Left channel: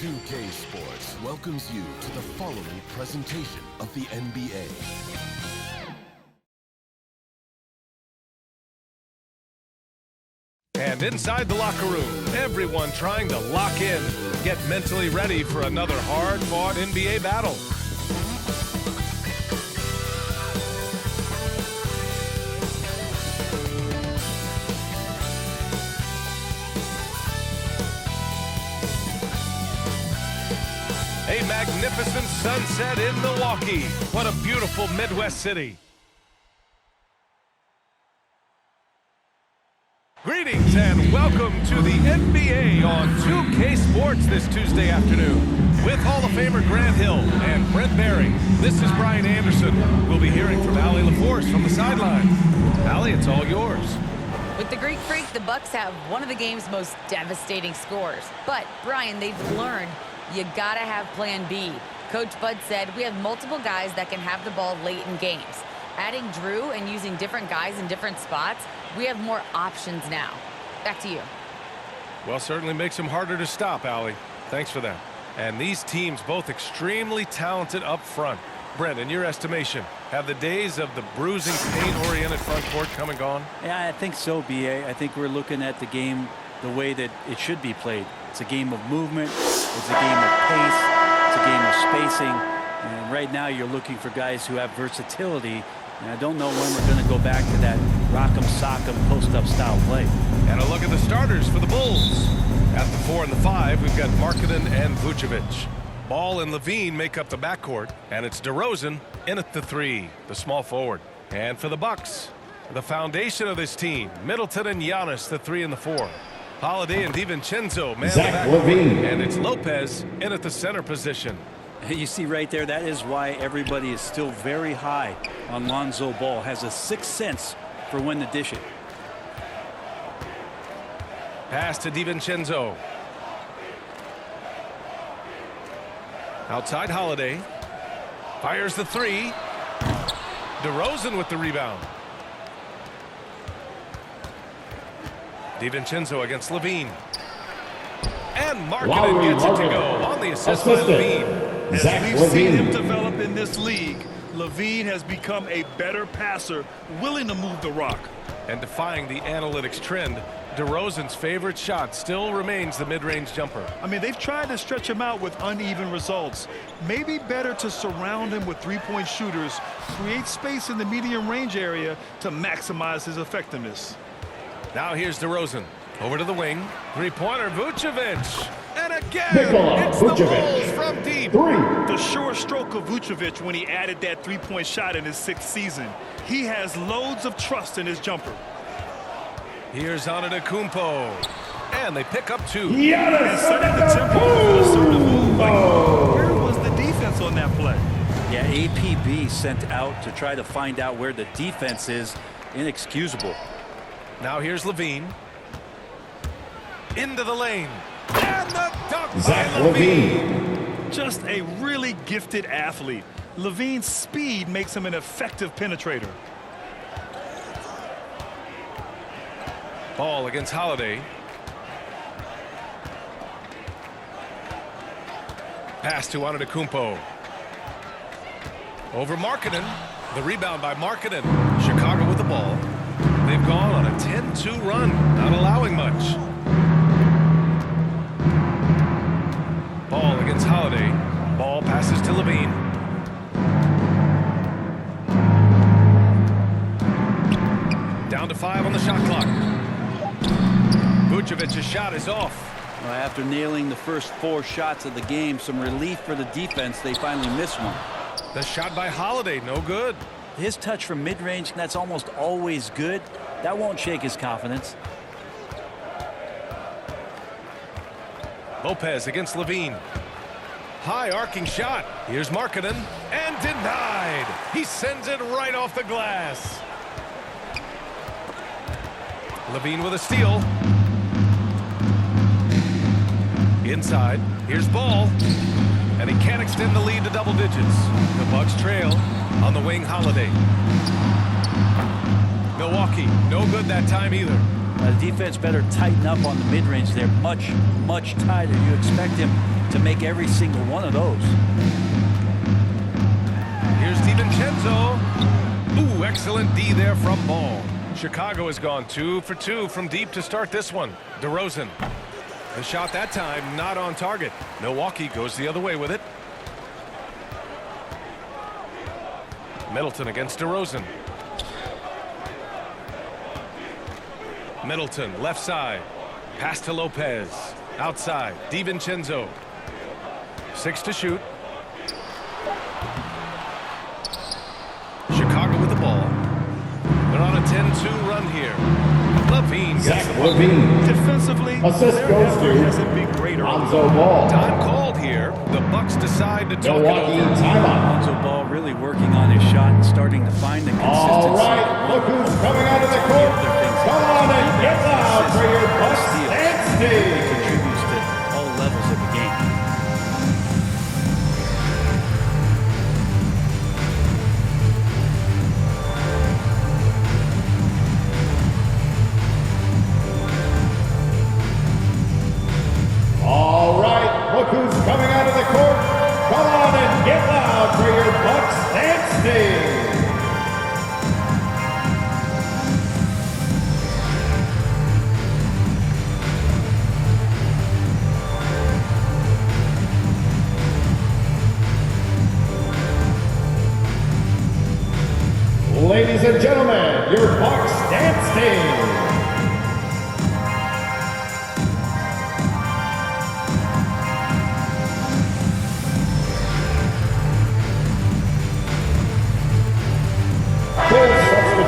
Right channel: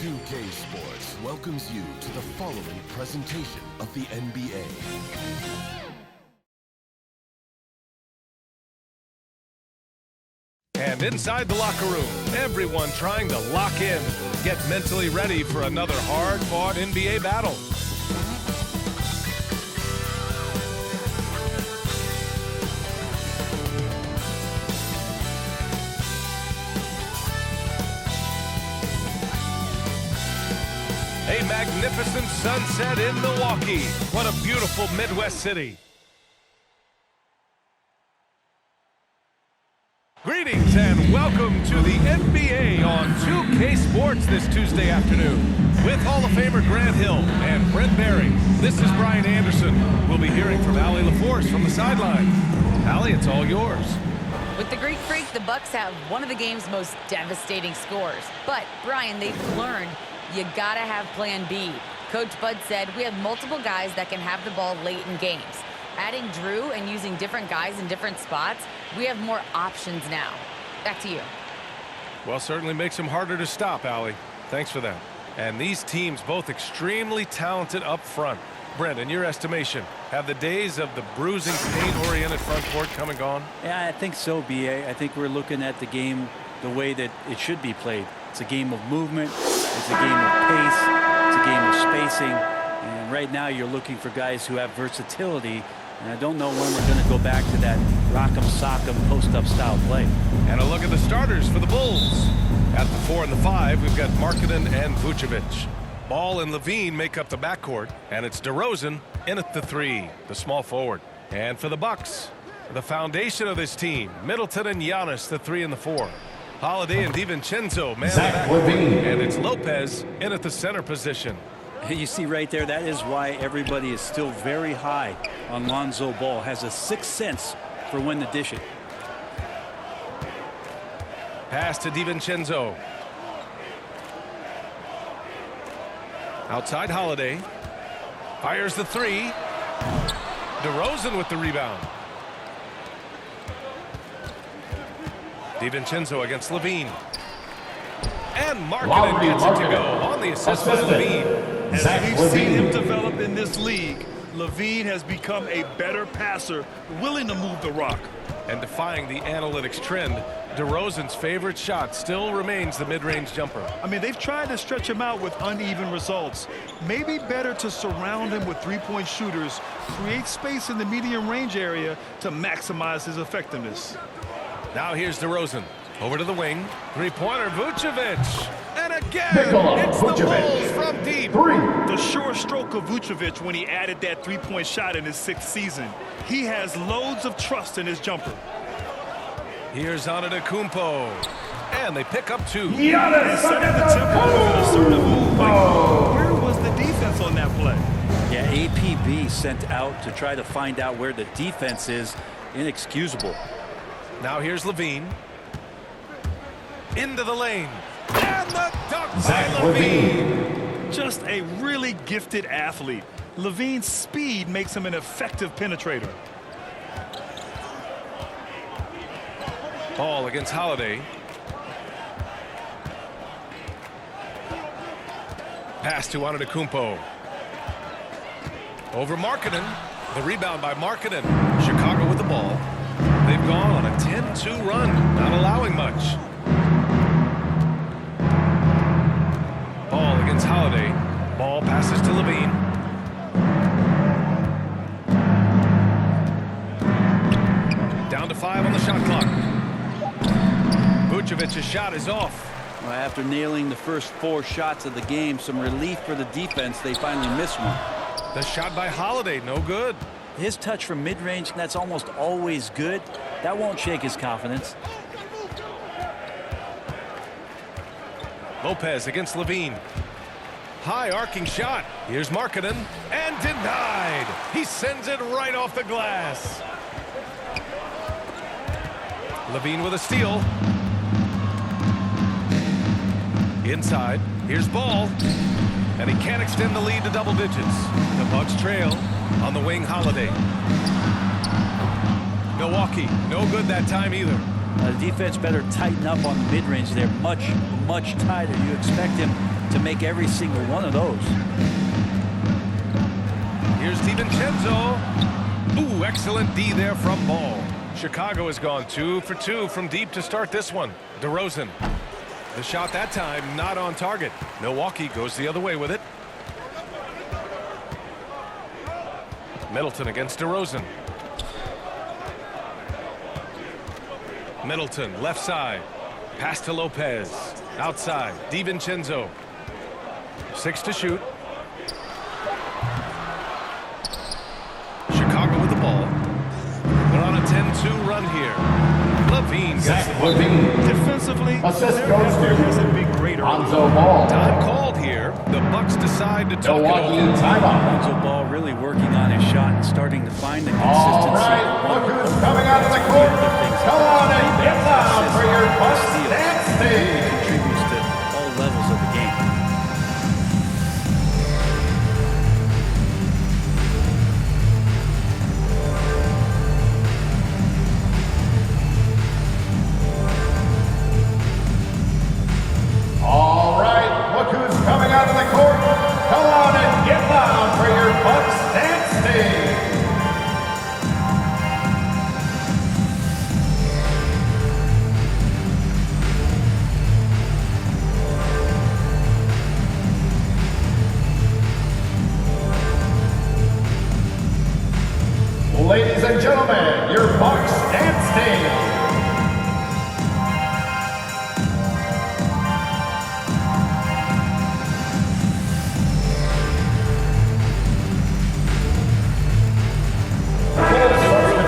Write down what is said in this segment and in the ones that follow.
2K Sports welcomes you to the following presentation of the NBA. And inside the locker room, everyone trying to lock in, get mentally ready for another hard-fought NBA battle. A magnificent sunset in Milwaukee. What a beautiful Midwest city. Greetings and welcome to the NBA on 2K Sports this Tuesday afternoon. With Hall of Famer Grant Hill and Brent Barry, this is Brian Anderson. We'll be hearing from Allie LaForce from the sideline. Allie, it's all yours. With the Greek Freak, the Bucks have one of the game's most devastating scores. But, Brian, they've learned you gotta have plan B. Coach Bud said we have multiple guys that can have the ball late in games. Adding Drew and using different guys in different spots, we have more options now. Back to you. Well, certainly makes them harder to stop, Allie. Thanks for that. And these teams both extremely talented up front. Brent, in your estimation, have the days of the bruising, paint-oriented front court come and gone? Yeah, I think so, B.A. I think we're looking at the game the way that it should be played. It's a game of movement. It's a game of pace. It's a game of spacing. And right now you're looking for guys who have versatility. And I don't know when we're going to go back to that rock'em sock'em post-up style play. And a look at the starters for the Bulls. At the 4 and the 5, we've got Markkanen and Vucevic. Ball and Levine make up the backcourt, and it's DeRozan in at the 3, the small forward. And for the Bucks, the foundation of this team, Middleton and Giannis, the 3 and the 4. Holiday and DiVincenzo man the backcourt, and it's Lopez in at the center position. You see right there, that is why everybody is still very high on Lonzo Ball. Has a sixth sense for when to dish it. Pass to DiVincenzo. Outside Holiday. Fires the 3. DeRozan with the rebound. DiVincenzo against Levine. And Markkanen gets it to go on the assist by Levine. As we've seen him develop in this league, Levine has become a better passer, willing to move the rock. And defying the analytics trend, DeRozan's favorite shot still remains the mid-range jumper. I mean, they've tried to stretch him out with uneven results. Maybe better to surround him with three-point shooters, create space in the medium range area to maximize his effectiveness. Now here's DeRozan. Over to the wing. Three-pointer, Vucevic. And again, it's the Bulls from deep. The sure stroke of Vucevic when he added that three-point shot in his 6th season. He has loads of trust in his jumper. Here's Antetokounmpo. And they pick up 2. And setting the tempo with an assertive move. Like, where was the defense on that play? Yeah, APB sent out to try to find out where the defense is. Inexcusable. Now here's Levine. Into the lane. And the dunk by Levine. Just a really gifted athlete. Levine's speed makes him an effective penetrator. Ball against Holiday. Pass to Antetokounmpo. Over Markkanen. The rebound by Markkanen. Chicago with the ball. They've gone on a 10-2 run, not allowing much. Ball against Holiday. Ball passes to Levine. Down to 5 on the shot clock. Vucevic's shot is off. Well, after nailing the first 4 shots of the game, some relief for the defense. They finally missed one. The shot by Holiday, no good. His touch from mid-range, that's almost always good. That won't shake his confidence. Lopez against Levine. High arcing shot. Here's Markkanen, and denied. He sends it right off the glass. LaVine with a steal. Inside. Here's Ball. And he can't extend the lead to double digits. The Bucks trail. On the wing, Holiday. Milwaukee, no good that time either. The defense better tighten up on the mid-range there. Much, much tighter. You expect him to make every single one of those. Here's DiVincenzo. Ooh, excellent D there from Ball. Chicago has gone 2 for 2 from deep to start this one. DeRozan. The shot that time not on target. Milwaukee goes the other way with it. Middleton against DeRozan. Middleton, left side. Pass to Lopez. Outside, DiVincenzo. 6 to shoot. Chicago with the ball. They're on a 10-2 run here. LaVine gets the ball. Defensively, Assist their goes effort to hasn't been great early. Lonzo Ball. Time called here. The Bucks decide to talk Milwaukee it over. timeout. Lonzo Ball really working on his shot and starting to find the consistency. All right, that one look would who's hope coming for. out of the It's court. other things he Come does, on and rebounds, get down assists, for your Bucks steals. dance He really team. contributes to all levels of the game. All right, look who's coming out of the court. Come on and get down for your Bucks dance team. Ladies and gentlemen, your Bucks dance team.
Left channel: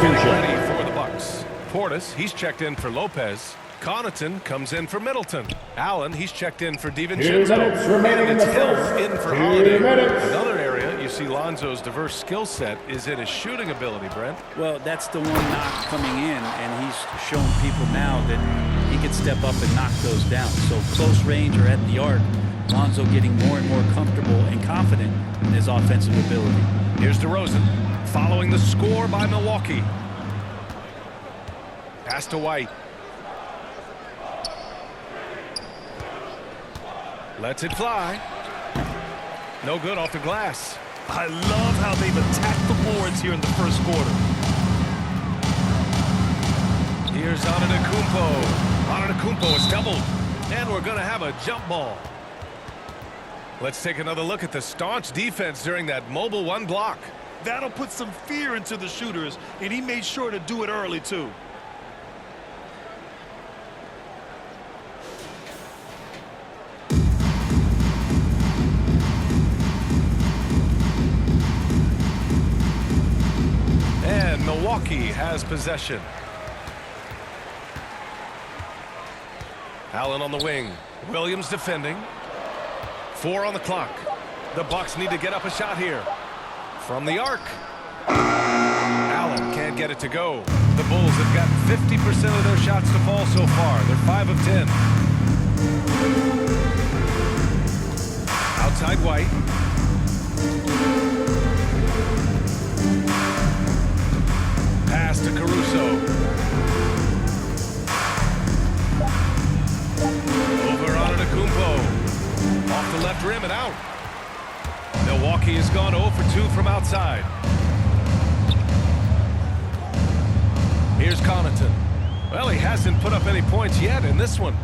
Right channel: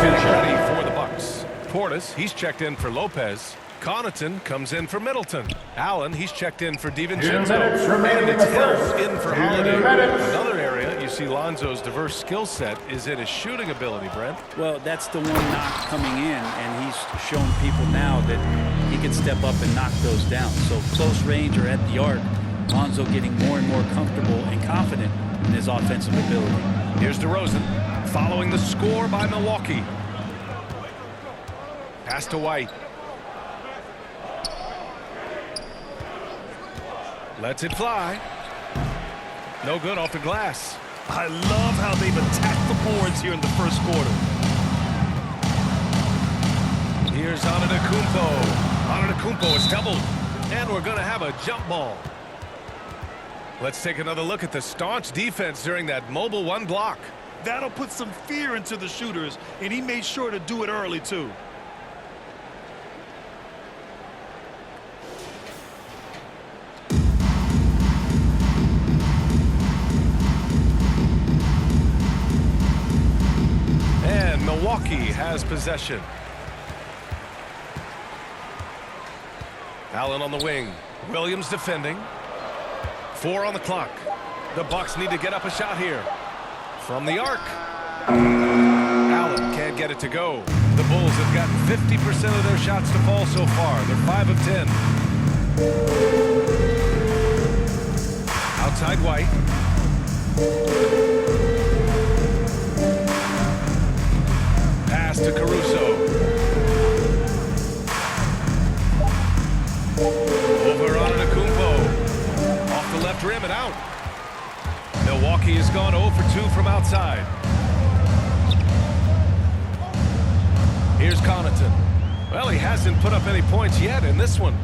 Getting ready for the Bucks. Portis, he's checked in for Lopez. Connaughton comes in for Middleton. Allen, he's checked in for 2 DiVincenzo. minutes remaining And in it's the Hill first. in for 2 Holiday. minutes. Another area you see Lonzo's diverse skill set is in his shooting ability, Brent. Well, that's the one knock coming in, and he's shown people now that he can step up and knock those down. So close range or at the arc, Lonzo getting more and more comfortable and confident in his offensive ability. Here's DeRozan, following the score by Milwaukee. Pass to White. Lets it fly. No good off the glass. I love how they've attacked the boards here in the first quarter. Here's Antetokounmpo. Antetokounmpo is doubled. And we're going to have a jump ball. Let's take another look at the staunch defense during that mobile one block. That'll put some fear into the shooters, and he made sure to do it early, too. And Milwaukee has possession. Allen on the wing. Williams defending. 4 on the clock. The Bucks need to get up a shot here. From the arc. Allen can't get it to go. The Bulls have gotten 50% of their shots to fall so far. They're 5 of 10. Outside White. Pass to Caruso. Over on Antetokounmpo. Off the left rim and out. Milwaukee has gone 0 for 2 from outside. Here's Connaughton. Well, he hasn't put up any points yet in this one.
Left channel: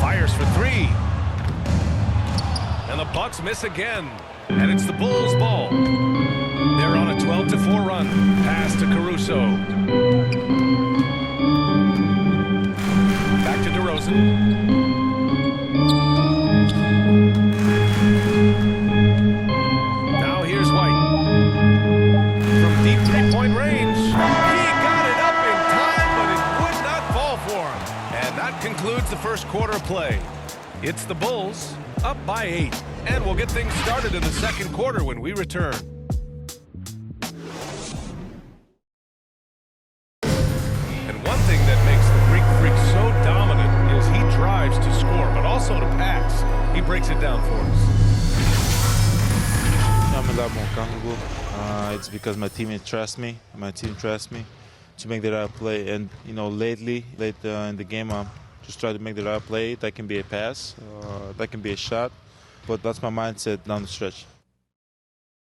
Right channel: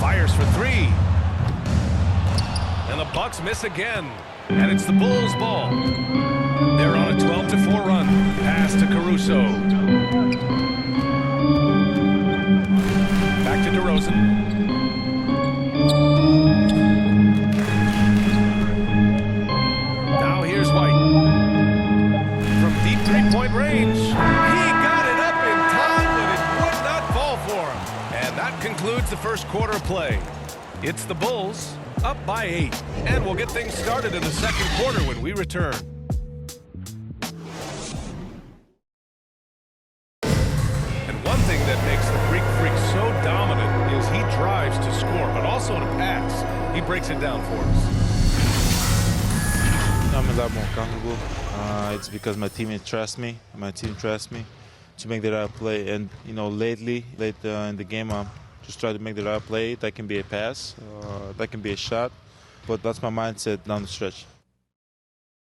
Fires for 3. And the Bucks miss again. And it's the Bulls' ball. They're on a 12-4 run. Pass to Caruso. Back to DeRozan. Now here's White. From deep three-point range. He got it up in time, but it would not fall for him. And that concludes the first quarter of play. It's the Bulls up by 8. And we'll get things started in the second quarter when we return. And one thing that makes the Greek Freak so dominant is he drives to score, but also to pass. He breaks it down for us. I'm a lot more comfortable. It's because my teammates trust me. My team trusts me to make the right play. And, you know, late in the game, I'm just trying to make the right play. That can be a pass, that can be a shot. But that's my mindset down the stretch.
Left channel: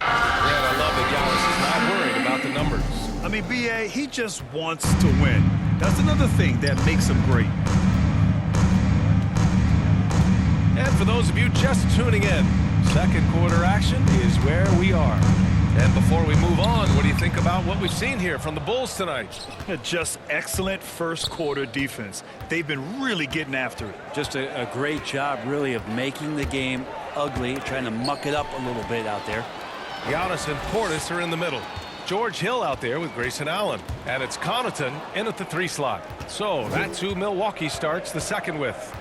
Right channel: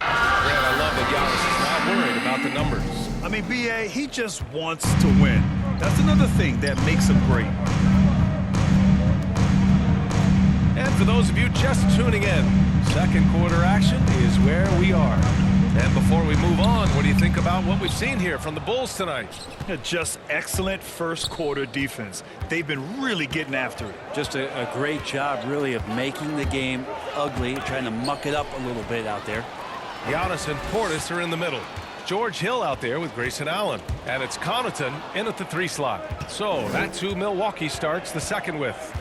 Grant, I love that Giannis is not worried about the numbers. I mean, B.A., he just wants to win. That's another thing that makes him great. And for those of you just tuning in, second quarter action is where we are. And before we move on, what do you think about what we've seen here from the Bulls tonight? Just excellent first quarter defense. They've been really getting after it. Just a great job, really, of making the game ugly, trying to muck it up a little bit out there. Giannis and Portis are in the middle. George Hill out there with Grayson Allen. And it's Connaughton in at the 3 slot. So that's who Milwaukee starts the second with.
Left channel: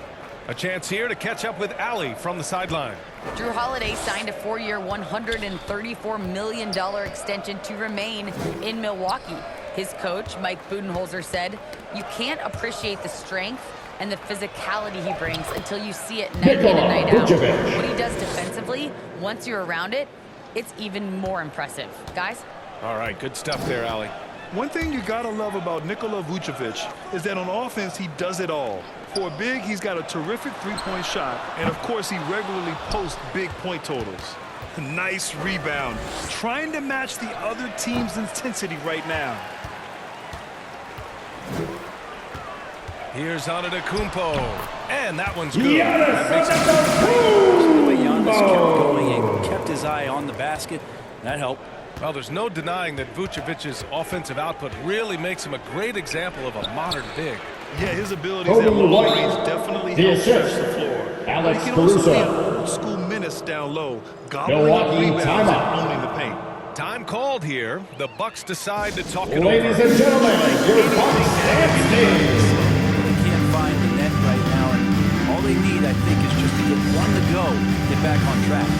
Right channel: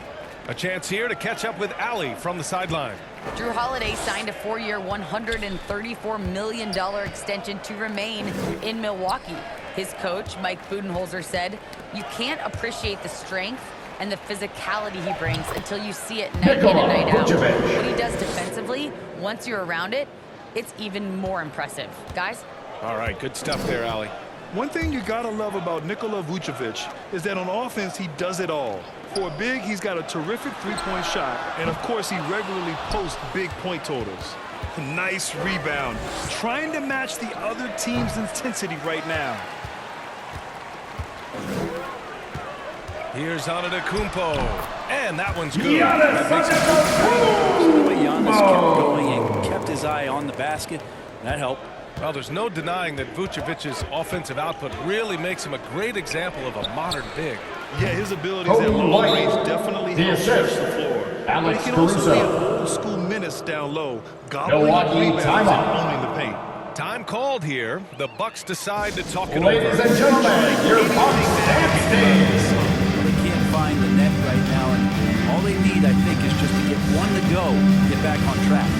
A chance here to catch up with Allie from the sideline. Drew Holiday signed a 4-year, $134 million extension to remain in Milwaukee. His coach, Mike Budenholzer, said, "You can't appreciate the strength and the physicality he brings until you see it night in and night out. What he does defensively, once you're around it, it's even more impressive." Guys? All right, good stuff there, Allie. One thing you gotta love about Nikola Vucevic is that on offense, he does it all. For a big, he's got a terrific three-point shot, and of course, he regularly posts big point totals. Nice rebound, trying to match the other team's intensity right now. Here's Antetokounmpo, and that one's good. That makes it 2-3. See the way Giannis kept going and kept his eye on the basket? That helped. Well, there's no denying that Vucevic's offensive output really makes him a great example of a modern big. Yeah, his abilities at long range definitely help stretch the floor. But he can also be an old-school menace down low, gobbling up rebounds and owning the paint. Time called here. The Bucks decide to talk it Ladies over. and gentlemen, your Bucks and Steve. Well, they can't find the net right now, and all they need, I think, is just to get one to go, get back on track.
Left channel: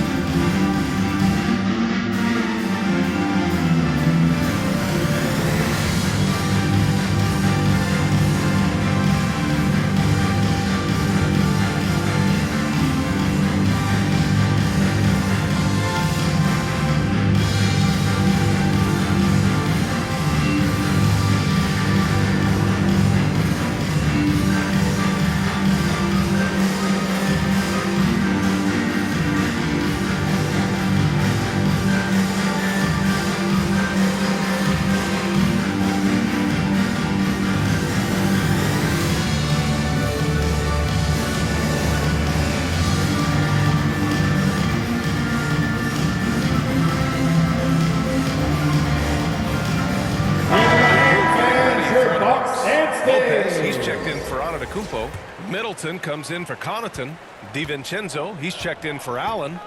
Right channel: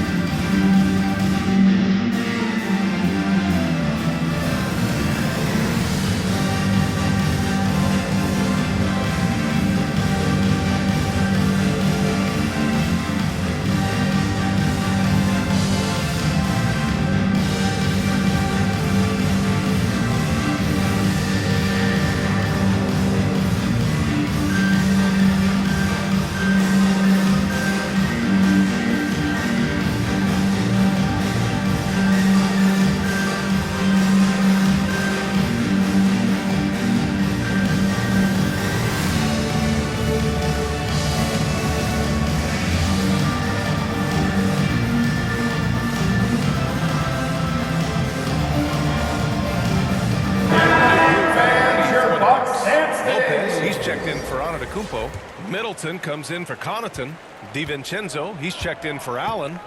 Lopez, he's checked in for Antetokounmpo. Middleton comes in for Connaughton. DiVincenzo, he's checked in for Allen.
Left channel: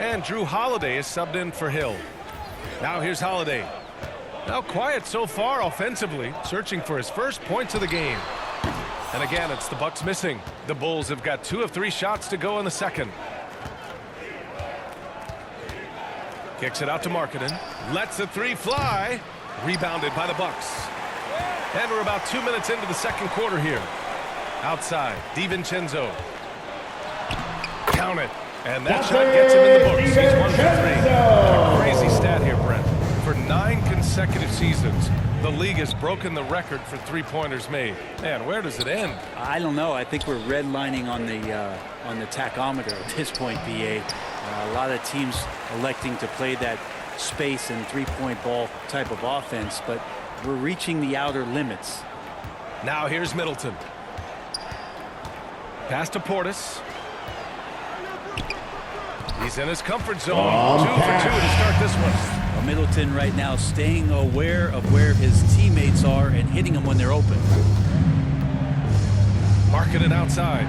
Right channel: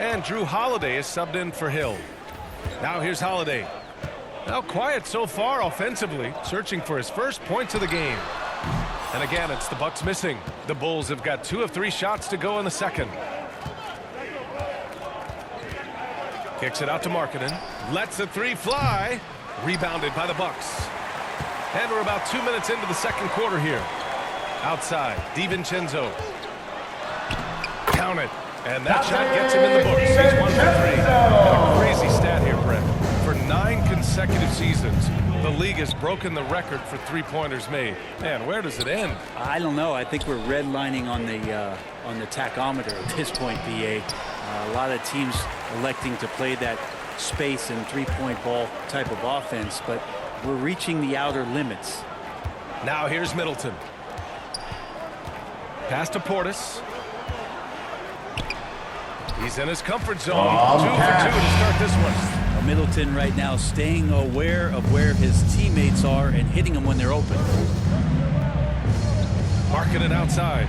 And Drew Holiday is subbed in for Hill. Now here's Holiday. Now quiet so far offensively, searching for his first points of the game. And again, it's the Bucks missing. The Bulls have got 2 of 3 shots to go in the second. Kicks it out to Markkanen. Lets the 3 fly. Rebounded by the Bucks. And we're about 2 minutes into the second quarter here. Outside, DiVincenzo. Count it. And that shot gets him in the books. He's 1 for 3. And a crazy stat here, Brent. For 9 consecutive seasons, the league has broken the record for three-pointers made. Man, where does it end? I don't know. I think we're redlining on the tachometer at this point, BA. A lot of teams electing to play that space and three-point ball type of offense, but we're reaching the outer limits. Now here's Middleton. Pass to Portis. He's in his comfort zone. 2 for 2 to start this one. Well, Middleton right now staying aware of where his teammates are and hitting them when they're open. Markkanen outside.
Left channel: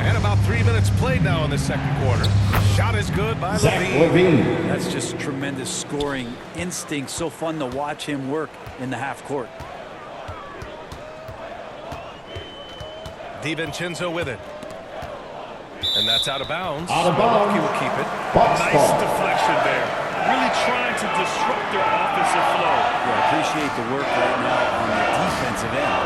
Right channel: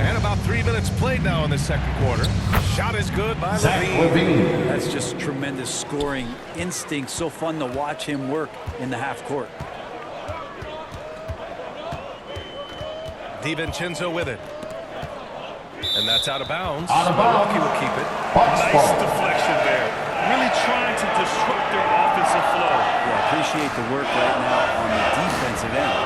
And about 3 minutes played now in the second quarter. Shot is good by Levine. That's just tremendous scoring instinct. So fun to watch him work in the half court. DiVincenzo with it. And that's out of bounds. Out of bounds. Milwaukee will keep it. Bucks Nice ball. deflection there. Really trying to disrupt their offensive flow. Yeah, I appreciate the work right now on the defensive end.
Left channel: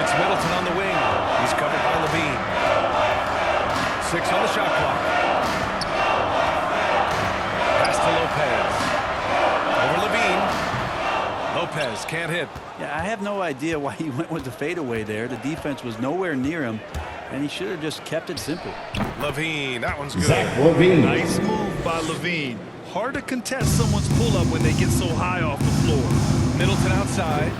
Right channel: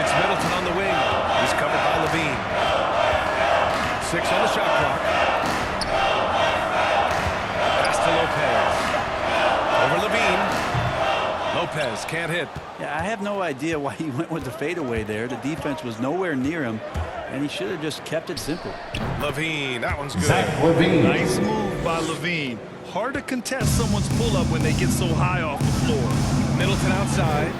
It's Middleton on the wing. He's covered by Levine. 6 on the shot clock. Pass to Lopez. Over Levine. Lopez can't hit. Yeah, I have no idea why he went with the fadeaway there. The defense was nowhere near him, and he should have just kept it simple. Levine, that one's good. Zach Levine. Nice move by Levine. Hard to contest someone's pull-up when they get so high off the floor. Middleton outside.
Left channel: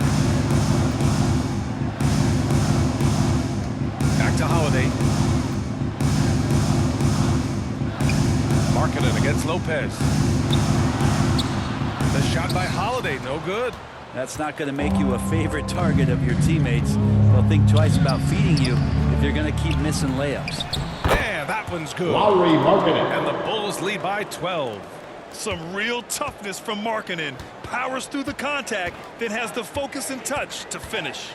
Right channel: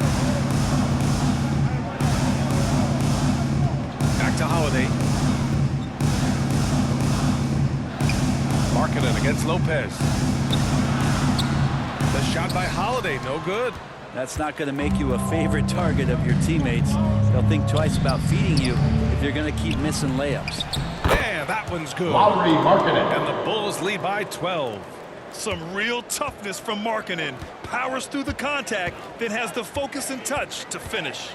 Back to Holiday. Markkanen against Lopez. The shot by Holiday, no good. That's not going to make you a favorite target of your teammates. They'll think twice about feeding you if you're going to keep missing layups. Man, that one's good. Lowry Markkanen. And the Bulls lead by 12. Some real toughness from Markkanen. Powers through the contact, then has the focus and touch to finish.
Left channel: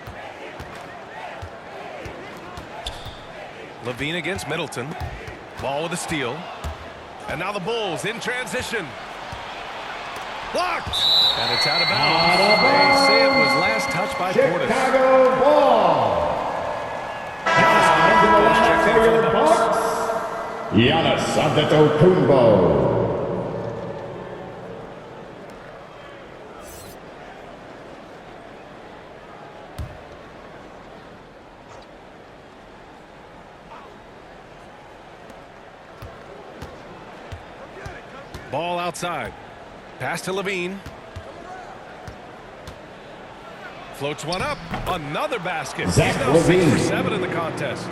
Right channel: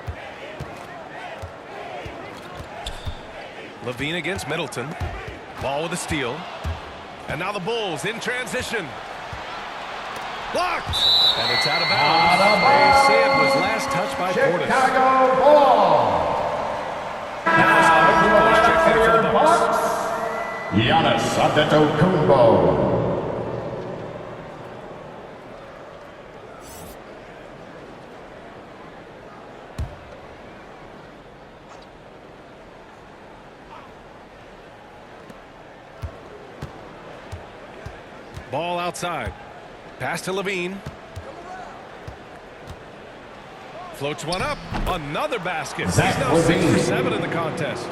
Levine against Middleton. Ball with a steal. And now the Bulls in transition. Blocked! And it's out of bounds. Out of bounds. They say it was last touched by Portis. Chicago ball. Giannis Antetokounmpo is checked in For for your the Bucks. Bucks, Giannis Antetokounmpo. Ball outside. Pass to Levine. Floats one up. Another basket. Zach He's now 6 Levine. for 7 in the contest.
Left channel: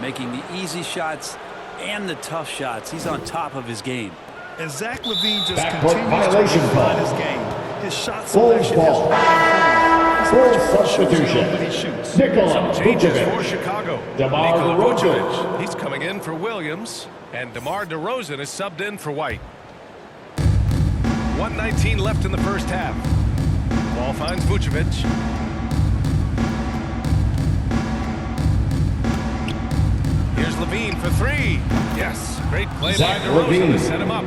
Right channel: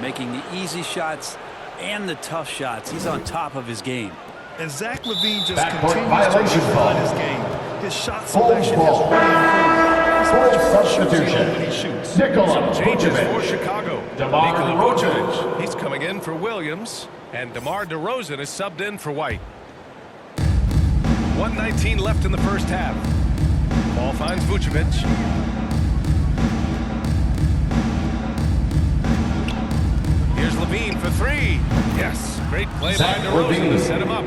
Making the easy shots and the tough shots. He's on top of his game. And Zach Levine just Backcourt continues violation to refine call. his game. His shot Bulls selection has ball. really improved. He's Full much more choosy substitution. when he shoots. Nikola Changes for Vucevic. Chicago. DeMar Nikola DeRozan. Vucevic. He's coming in for Williams. And DeMar DeRozan is subbed in for White. 1:19 left in the first half. Ball finds Vucevic. Here's Levine for 3. Yes, great play Zach by DeRozan Levine. to set him up.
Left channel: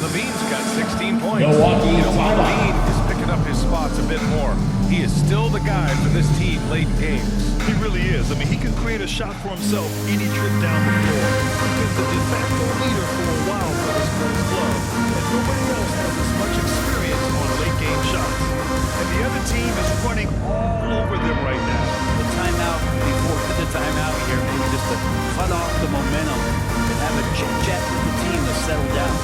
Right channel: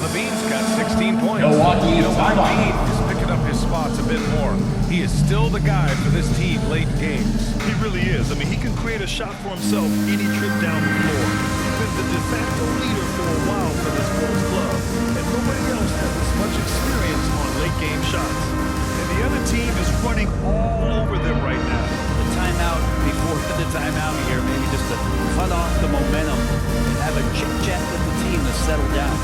Levine's got 16 points. Milwaukee You know what? timeout. Levine is picking up his spots a bit more. He is still the guy for this team late in games. He really is. I mean, he can create a shot for himself any trip down the floor. He's been the de facto leader for a while for this Bulls club, and nobody else has as much experience on late-game shots. And the other team is running all over them right now. The timeout before the timeout here, maybe just to cut off the momentum and have a chit-chat with the team to settle down.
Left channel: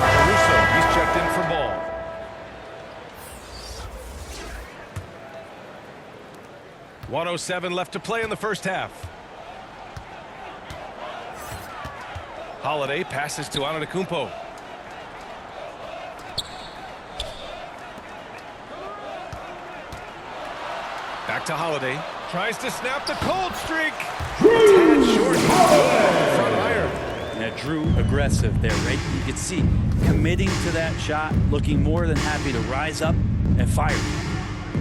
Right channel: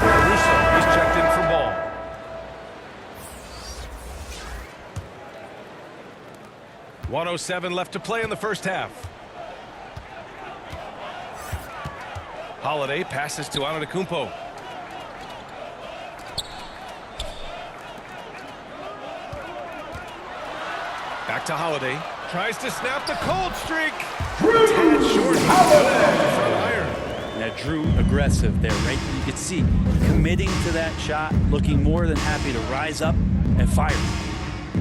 Caruso, he's checked in for Ball. .107 left to play in the first half. Holiday passes to Antetokounmpo. Back to Holiday. Tries to snap the cold streak. A tad short. He's good on the front iron. Yeah, Drew aggressive there, right? You could see committing to that shot, looking more than happy to rise up and fire.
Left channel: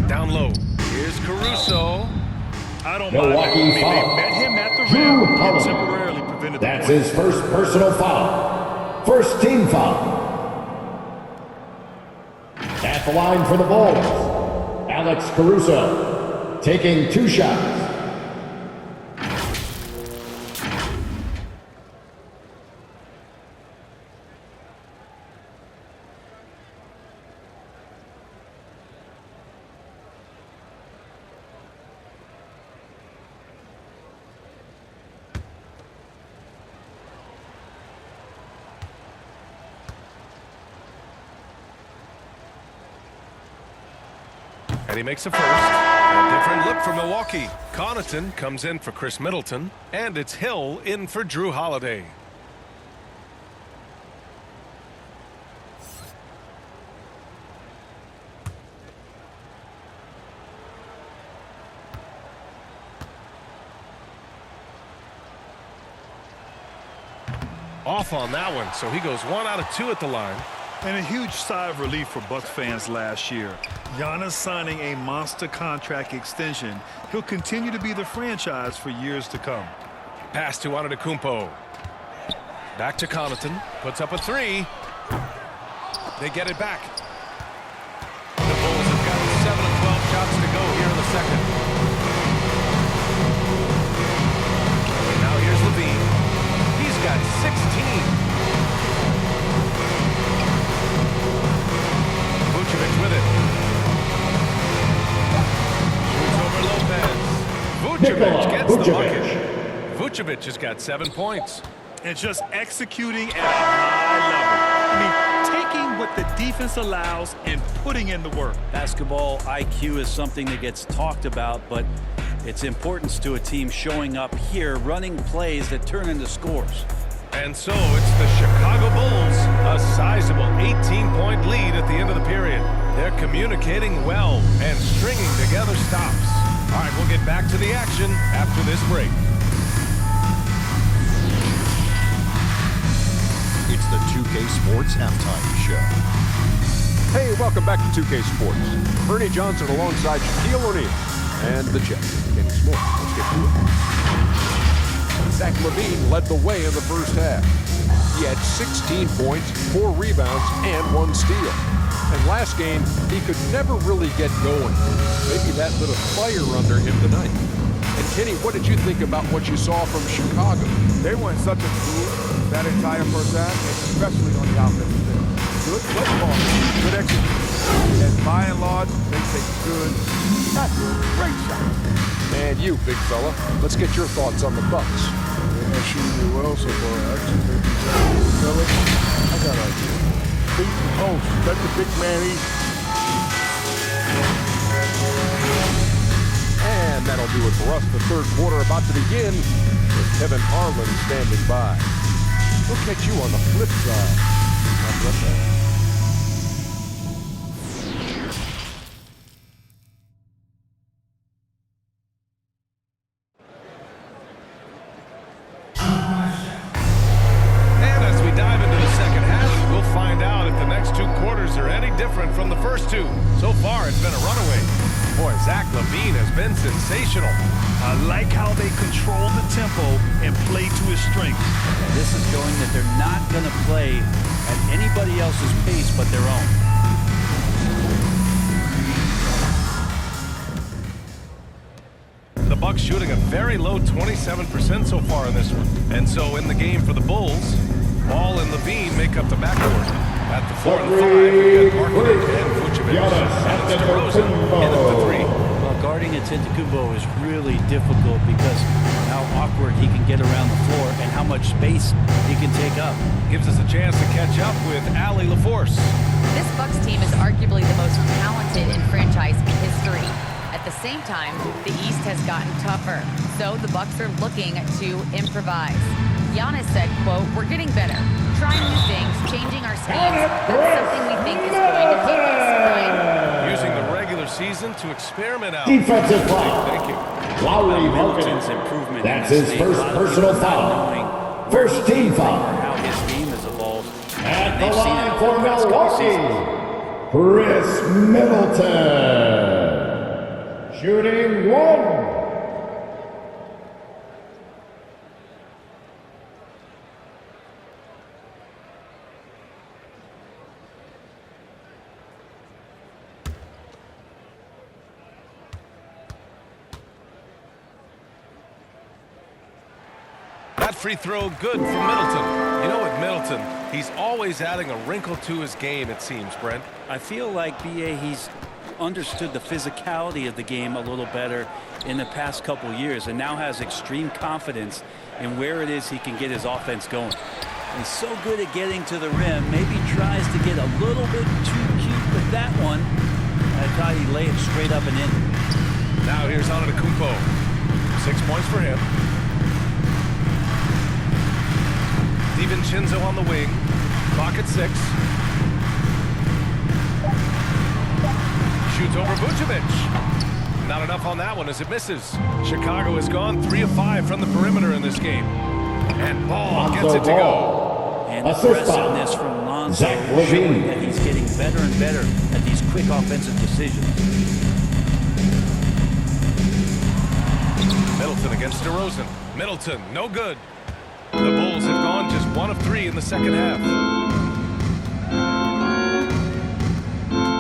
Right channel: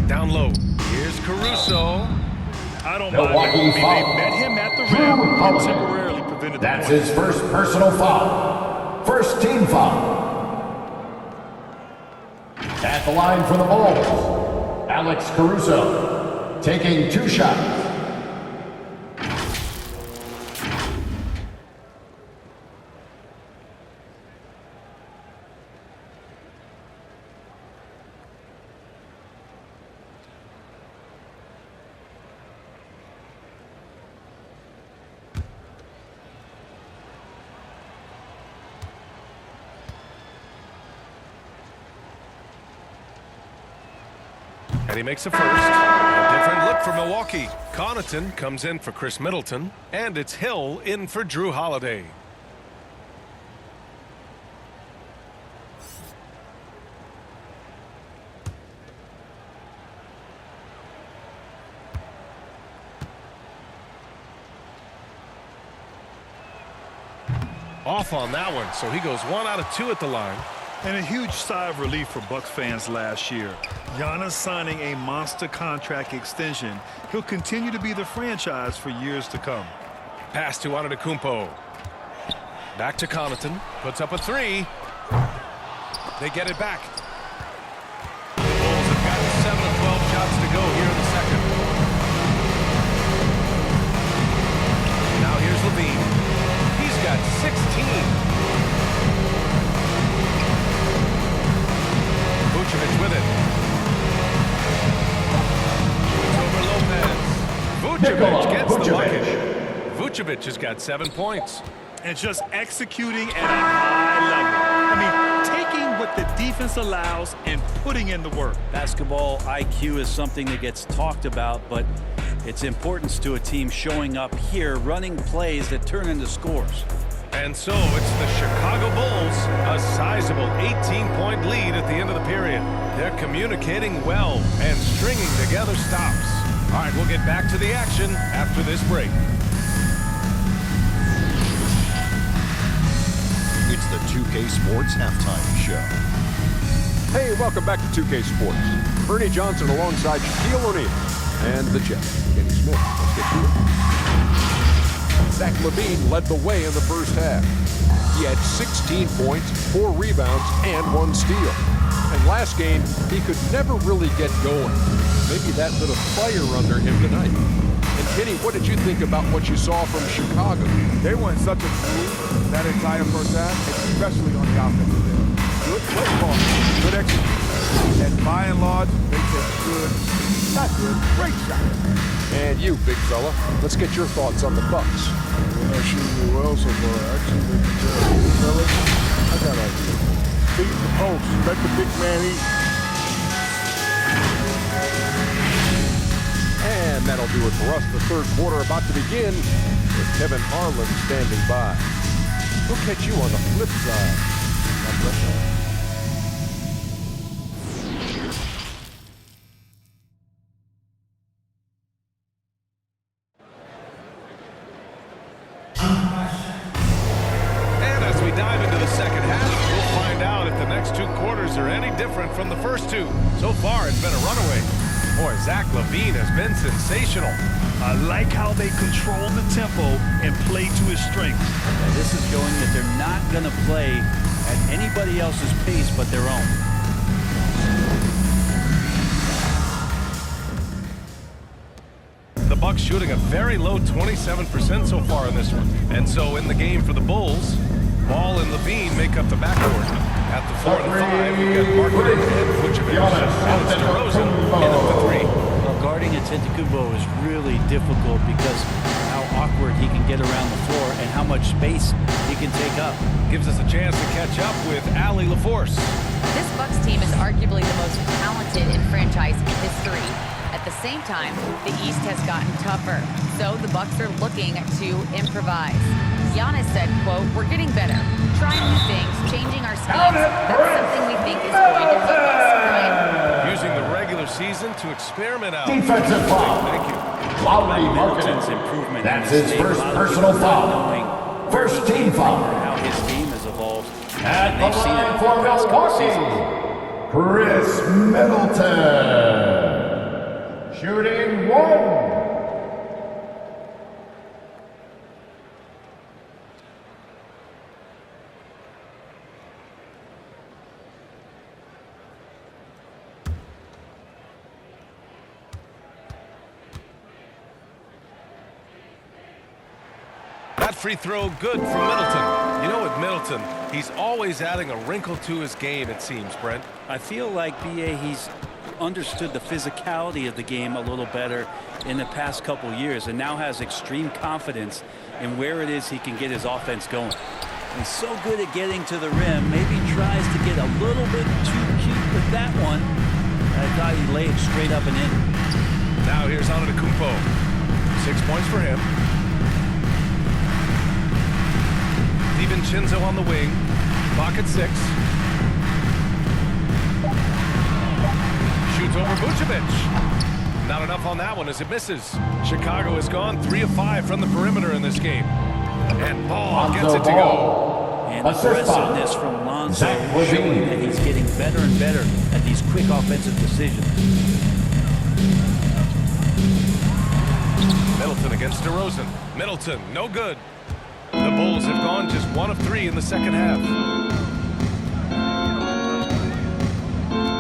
Down low. Here's Caruso. I don't Milwaukee mind it. I mean, foul. they met him at the Drew rim and Holiday. temporarily prevented the That's point. his first personal foul. First team foul. At the line for the Bulls, Alex Caruso, taking 2 shots. And he makes a first. A different look for Milwaukee. Connaughton comes in for Chris Middleton. And it's Hill in for Drew Holiday. Off on that one, so he goes 1 out of 2 at the line. And a huge sigh of relief for Bucks fans last year. Giannis signing a monster contract extension. He'll continue to be the franchise for years to come. Pass to Antetokounmpo. Back to Connaughton. Puts up a 3. They get it back. The Bulls have gotten 7 of 12 shots to go here in the second. And now here's Levine. He's got 16. Vucevic with it. Shoots over Lopez. Vucevic gets the bucket. Vucevic has got 7 points. And just executing at a high level. I mean, taking what the defense allows and putting in the work. Basketball IQ is something that gets talked about, but its importance to a team showing up here, running plays that turn into scores. And so it's the Chicago Bulls, a sizable 18-point lead at the end of the period. They're communicating well and stringing together stops. All right, we'll get back to the action after this break. It's the 2K Sports Halftime Show. Hey, welcome back to 2K Sports. Bernie Johnson alongside Shaquille O'Neal and the Jet, Kenny Smith. Let's get to it. Zach LaVine led the way in the first half. He had 16 points, 4 rebounds, and 1 steal. And last game, he could never really get going. Maybe that lit a fire under him tonight. And Kenny, what did you think about what you saw from Chicago? They went such a groove that entire first half, especially on the offensive end. Good play ball, good execution. And by and large, they take good, not good, great shots. And you, big fella, let's get your thoughts on the Bucks. They're not shooting me well so far. Actually, they've been terrible. Fellas, I got an idea. Beat the post. Let the big man eat. And that'll do it for us. The third quarter about to begin with Kevin Harlan standing by. We'll catch you on the flip side. God bless you. And as we dive into the second half, we'll find out if the next 2 quarters are any different from the first 2. So far, it's been a runaway. Boy, Zach LaVine has been sensational. I like how they control the tempo and play to his strengths. And this is showing that they're not going to play at anybody else's pace but their own. The Bucks shooting a very low 27% so far in this one. And so in the game for the Bulls, Ball and LaVine make up the backcourt. At the 4 and the 5, we've got Markkanen and Vucevic. And it's DeRozan in at the 3. Well, guarding Antetokounmpo is really difficult because how awkward he can get around the floor and how much space he can take up. Gives us a chance to catch up with Allie LaForce. This Bucks team is arguably the most talented in franchise history. At the same time, the East has gotten tougher, so the Bucks are looking to improvise. Giannis said, quote, "We're getting better, trying new things, changing our schemes. That's something we think is going to help us." Brian? Using the regular season to experiment out. Defensive foul. Thank you. Lauri Middleton's Markkanen. improvement That's in this his league. first A lot of personal people not foul. knowing First where he team came from foul. or how his game has evolved. At And the they've seen it line over for the past couple Milwaukee, seasons. Chris Middleton. Shooting 1. That free throw good from Middleton. You know, with Middleton, he's always adding a wrinkle to his game, it seems, Brent. I feel like, B.A., he's understood the physicality of the game a little better in the past couple years and now has extreme confidence in where it is he can get his offense going. And he's so good at getting to the rim, maybe tries to get a little bit too cute with that one. I thought he'd lay it straight up and in. Now here's Antetokounmpo. 6 points for him. DiVincenzo on the wing. Clock at 6. Shoots over Vucevic. Not enough on that one as it misses. Chicago has gone 3 of 5 from the perimeter in this game. And Ball gets it to go. And aggressiveness from Lonzo showing that he's getting better and better at these quick offensive decisions. Middleton against DeRozan. Middleton, no good. The Bulls have gone just 1 of 3 in the second half.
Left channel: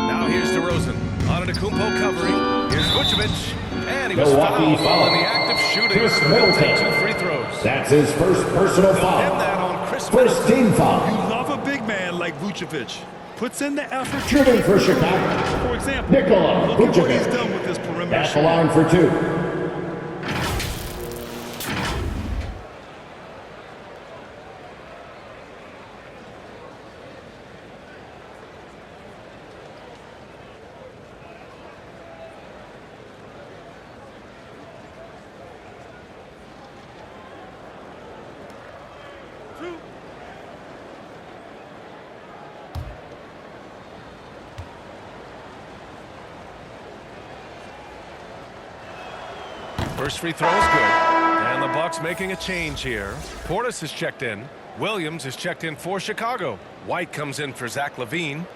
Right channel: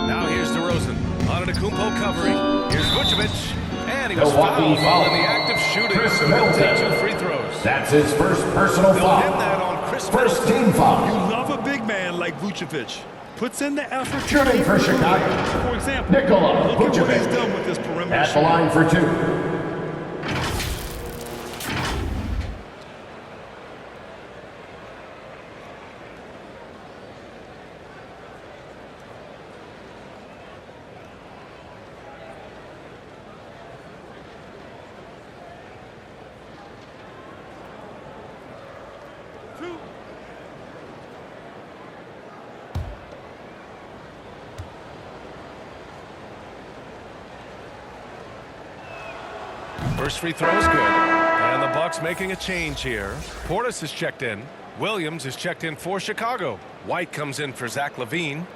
Now here's DeRozan. Antetokounmpo covering. Here's Vucevic. And he was fouled while in the act of shooting, so he'll take 2 free throws. That's his first personal They'll foul. pin that on Chris First Middleton. team foul. You love a big man like Vucevic. Puts in the effort. Shooting for Chicago. For example, Nikola look at what he's Vucevic. done with this perimeter At the shooting. line for 2. First free throw is good. And the Bucks making a change here. Portis is checked in. Williams is checked in for Chicago. White comes in for Zach LaVine.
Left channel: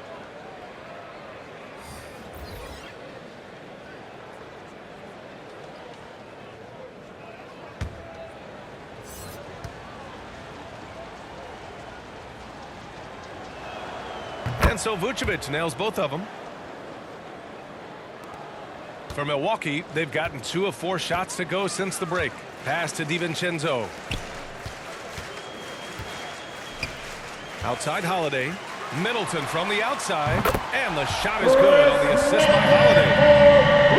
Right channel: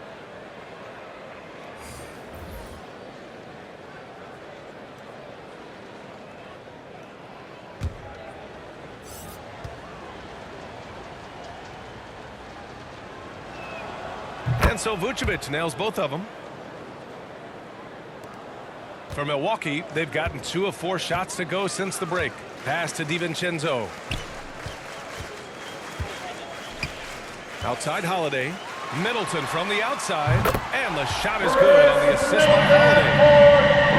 And so Vucevic nails both of them. For Milwaukee, they've gotten 2 of 4 shots to go since the break. Pass to DiVincenzo. Outside Holiday. Middleton from the outside. And the shot is good on the assist by Holiday.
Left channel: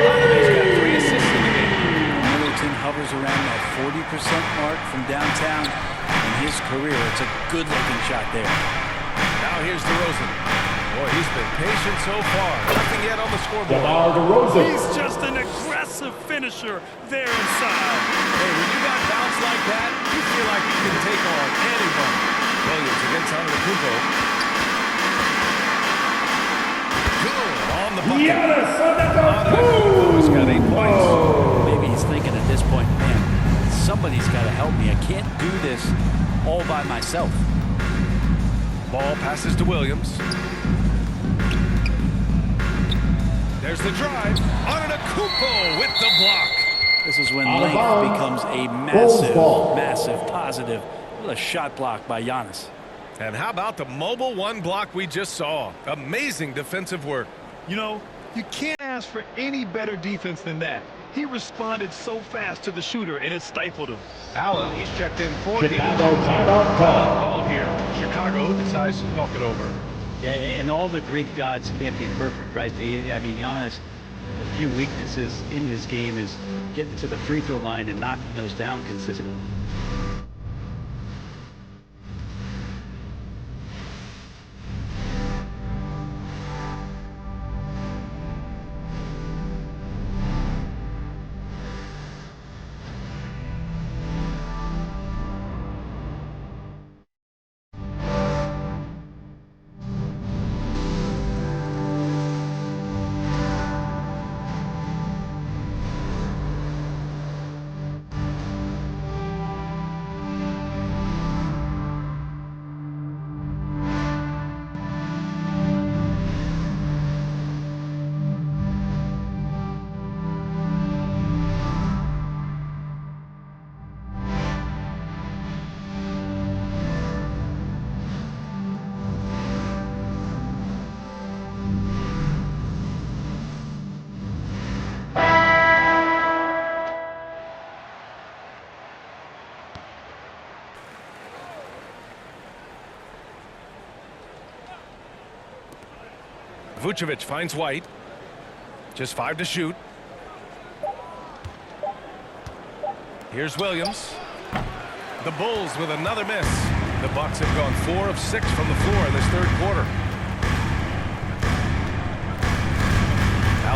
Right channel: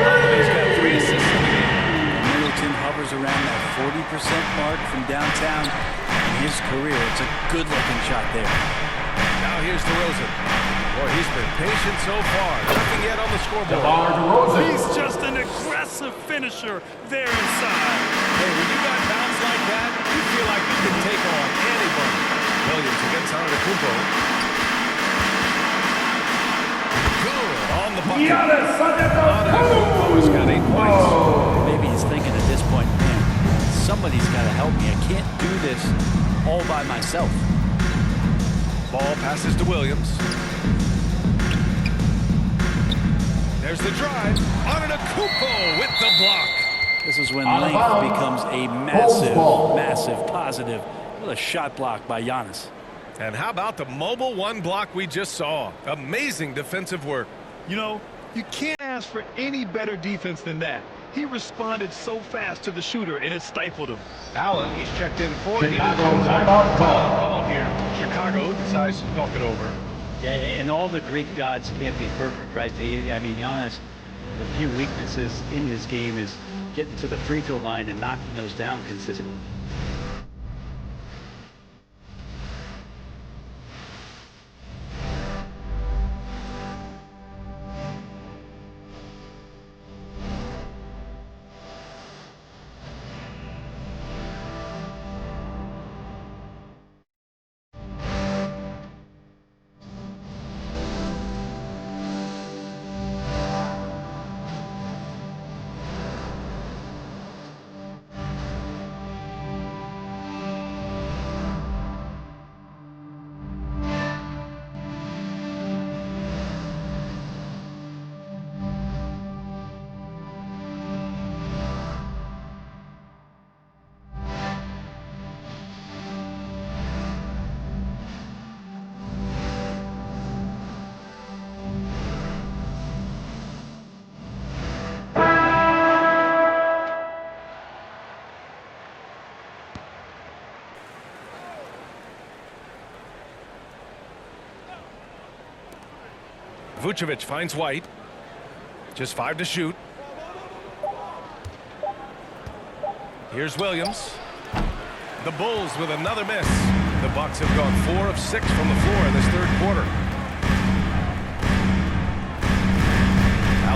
Holiday's got 3 assists in the game. Middleton hovers around that 40% mark from downtown in his career. It's a good-looking shot there. Now here's DeRozan. Boy, he's been patient so far. Nothing yet on the scoreboard. DeMar DeRozan. He's just an aggressive finisher there inside. Hey, when you got bounce like that, you feel like you can take on anybody. Williams against Antetokounmpo. Good on the bucket. Giannis Antetokounmpo has got 8 points. Maybe he's thinking at this point, man, somebody's got to help me. I can't do this all by myself. Ball passes to Williams. There's the drive. Antetokounmpo with the block. This is when Out of length bounds. becomes a Ball. massive positive. What a shot block by Giannis. And how about the mobile 1 block we just saw? Amazing defensive work. You know, you can't ask for any better defense than that. He responded so fast to the shooter, and it stifled him. Allen, he's checked in for Chicago timeout call. call here. Chicago decides to talk it over. Yeah, and all the Greek gods can't be perfect, right? I mean, Giannis, a few weaknesses in his game is getting to the free throw line and knocking those down consistently. Vucevic finds White. Just 5 to shoot. Here's Williams. The Bulls with another miss. The Bucks have gone 4 of 6 from the floor in this third quarter.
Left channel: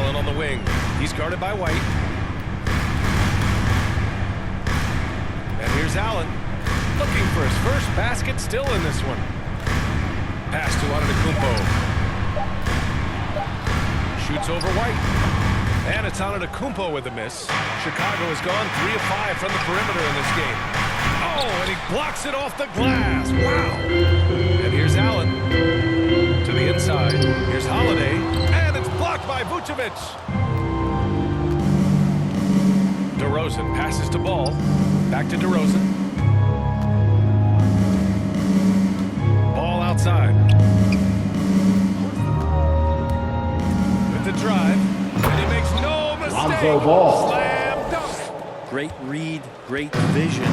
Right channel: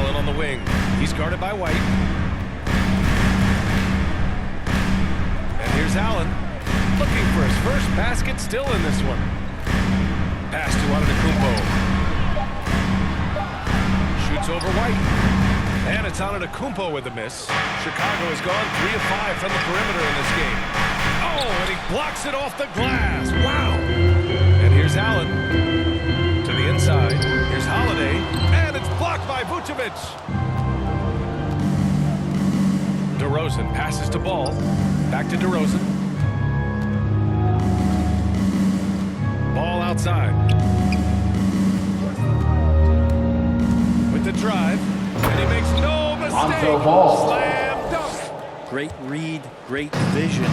Allen on the wing. He's guarded by White. And here's Allen, looking for his first basket, still in this one. Pass to Antetokounmpo. Shoots over White. And it's Antetokounmpo with a miss. Chicago has gone 3 of 5 from the perimeter in this game. Oh, and he blocks it off the glass. Wow. And here's Allen to the inside. Here's Holiday. And it's blocked by Vucevic. DeRozan passes to Ball. Back to DeRozan. Ball outside. With the drive. And he makes no mistake. Lonzo Ball. Slam dunk. Great read, great vision,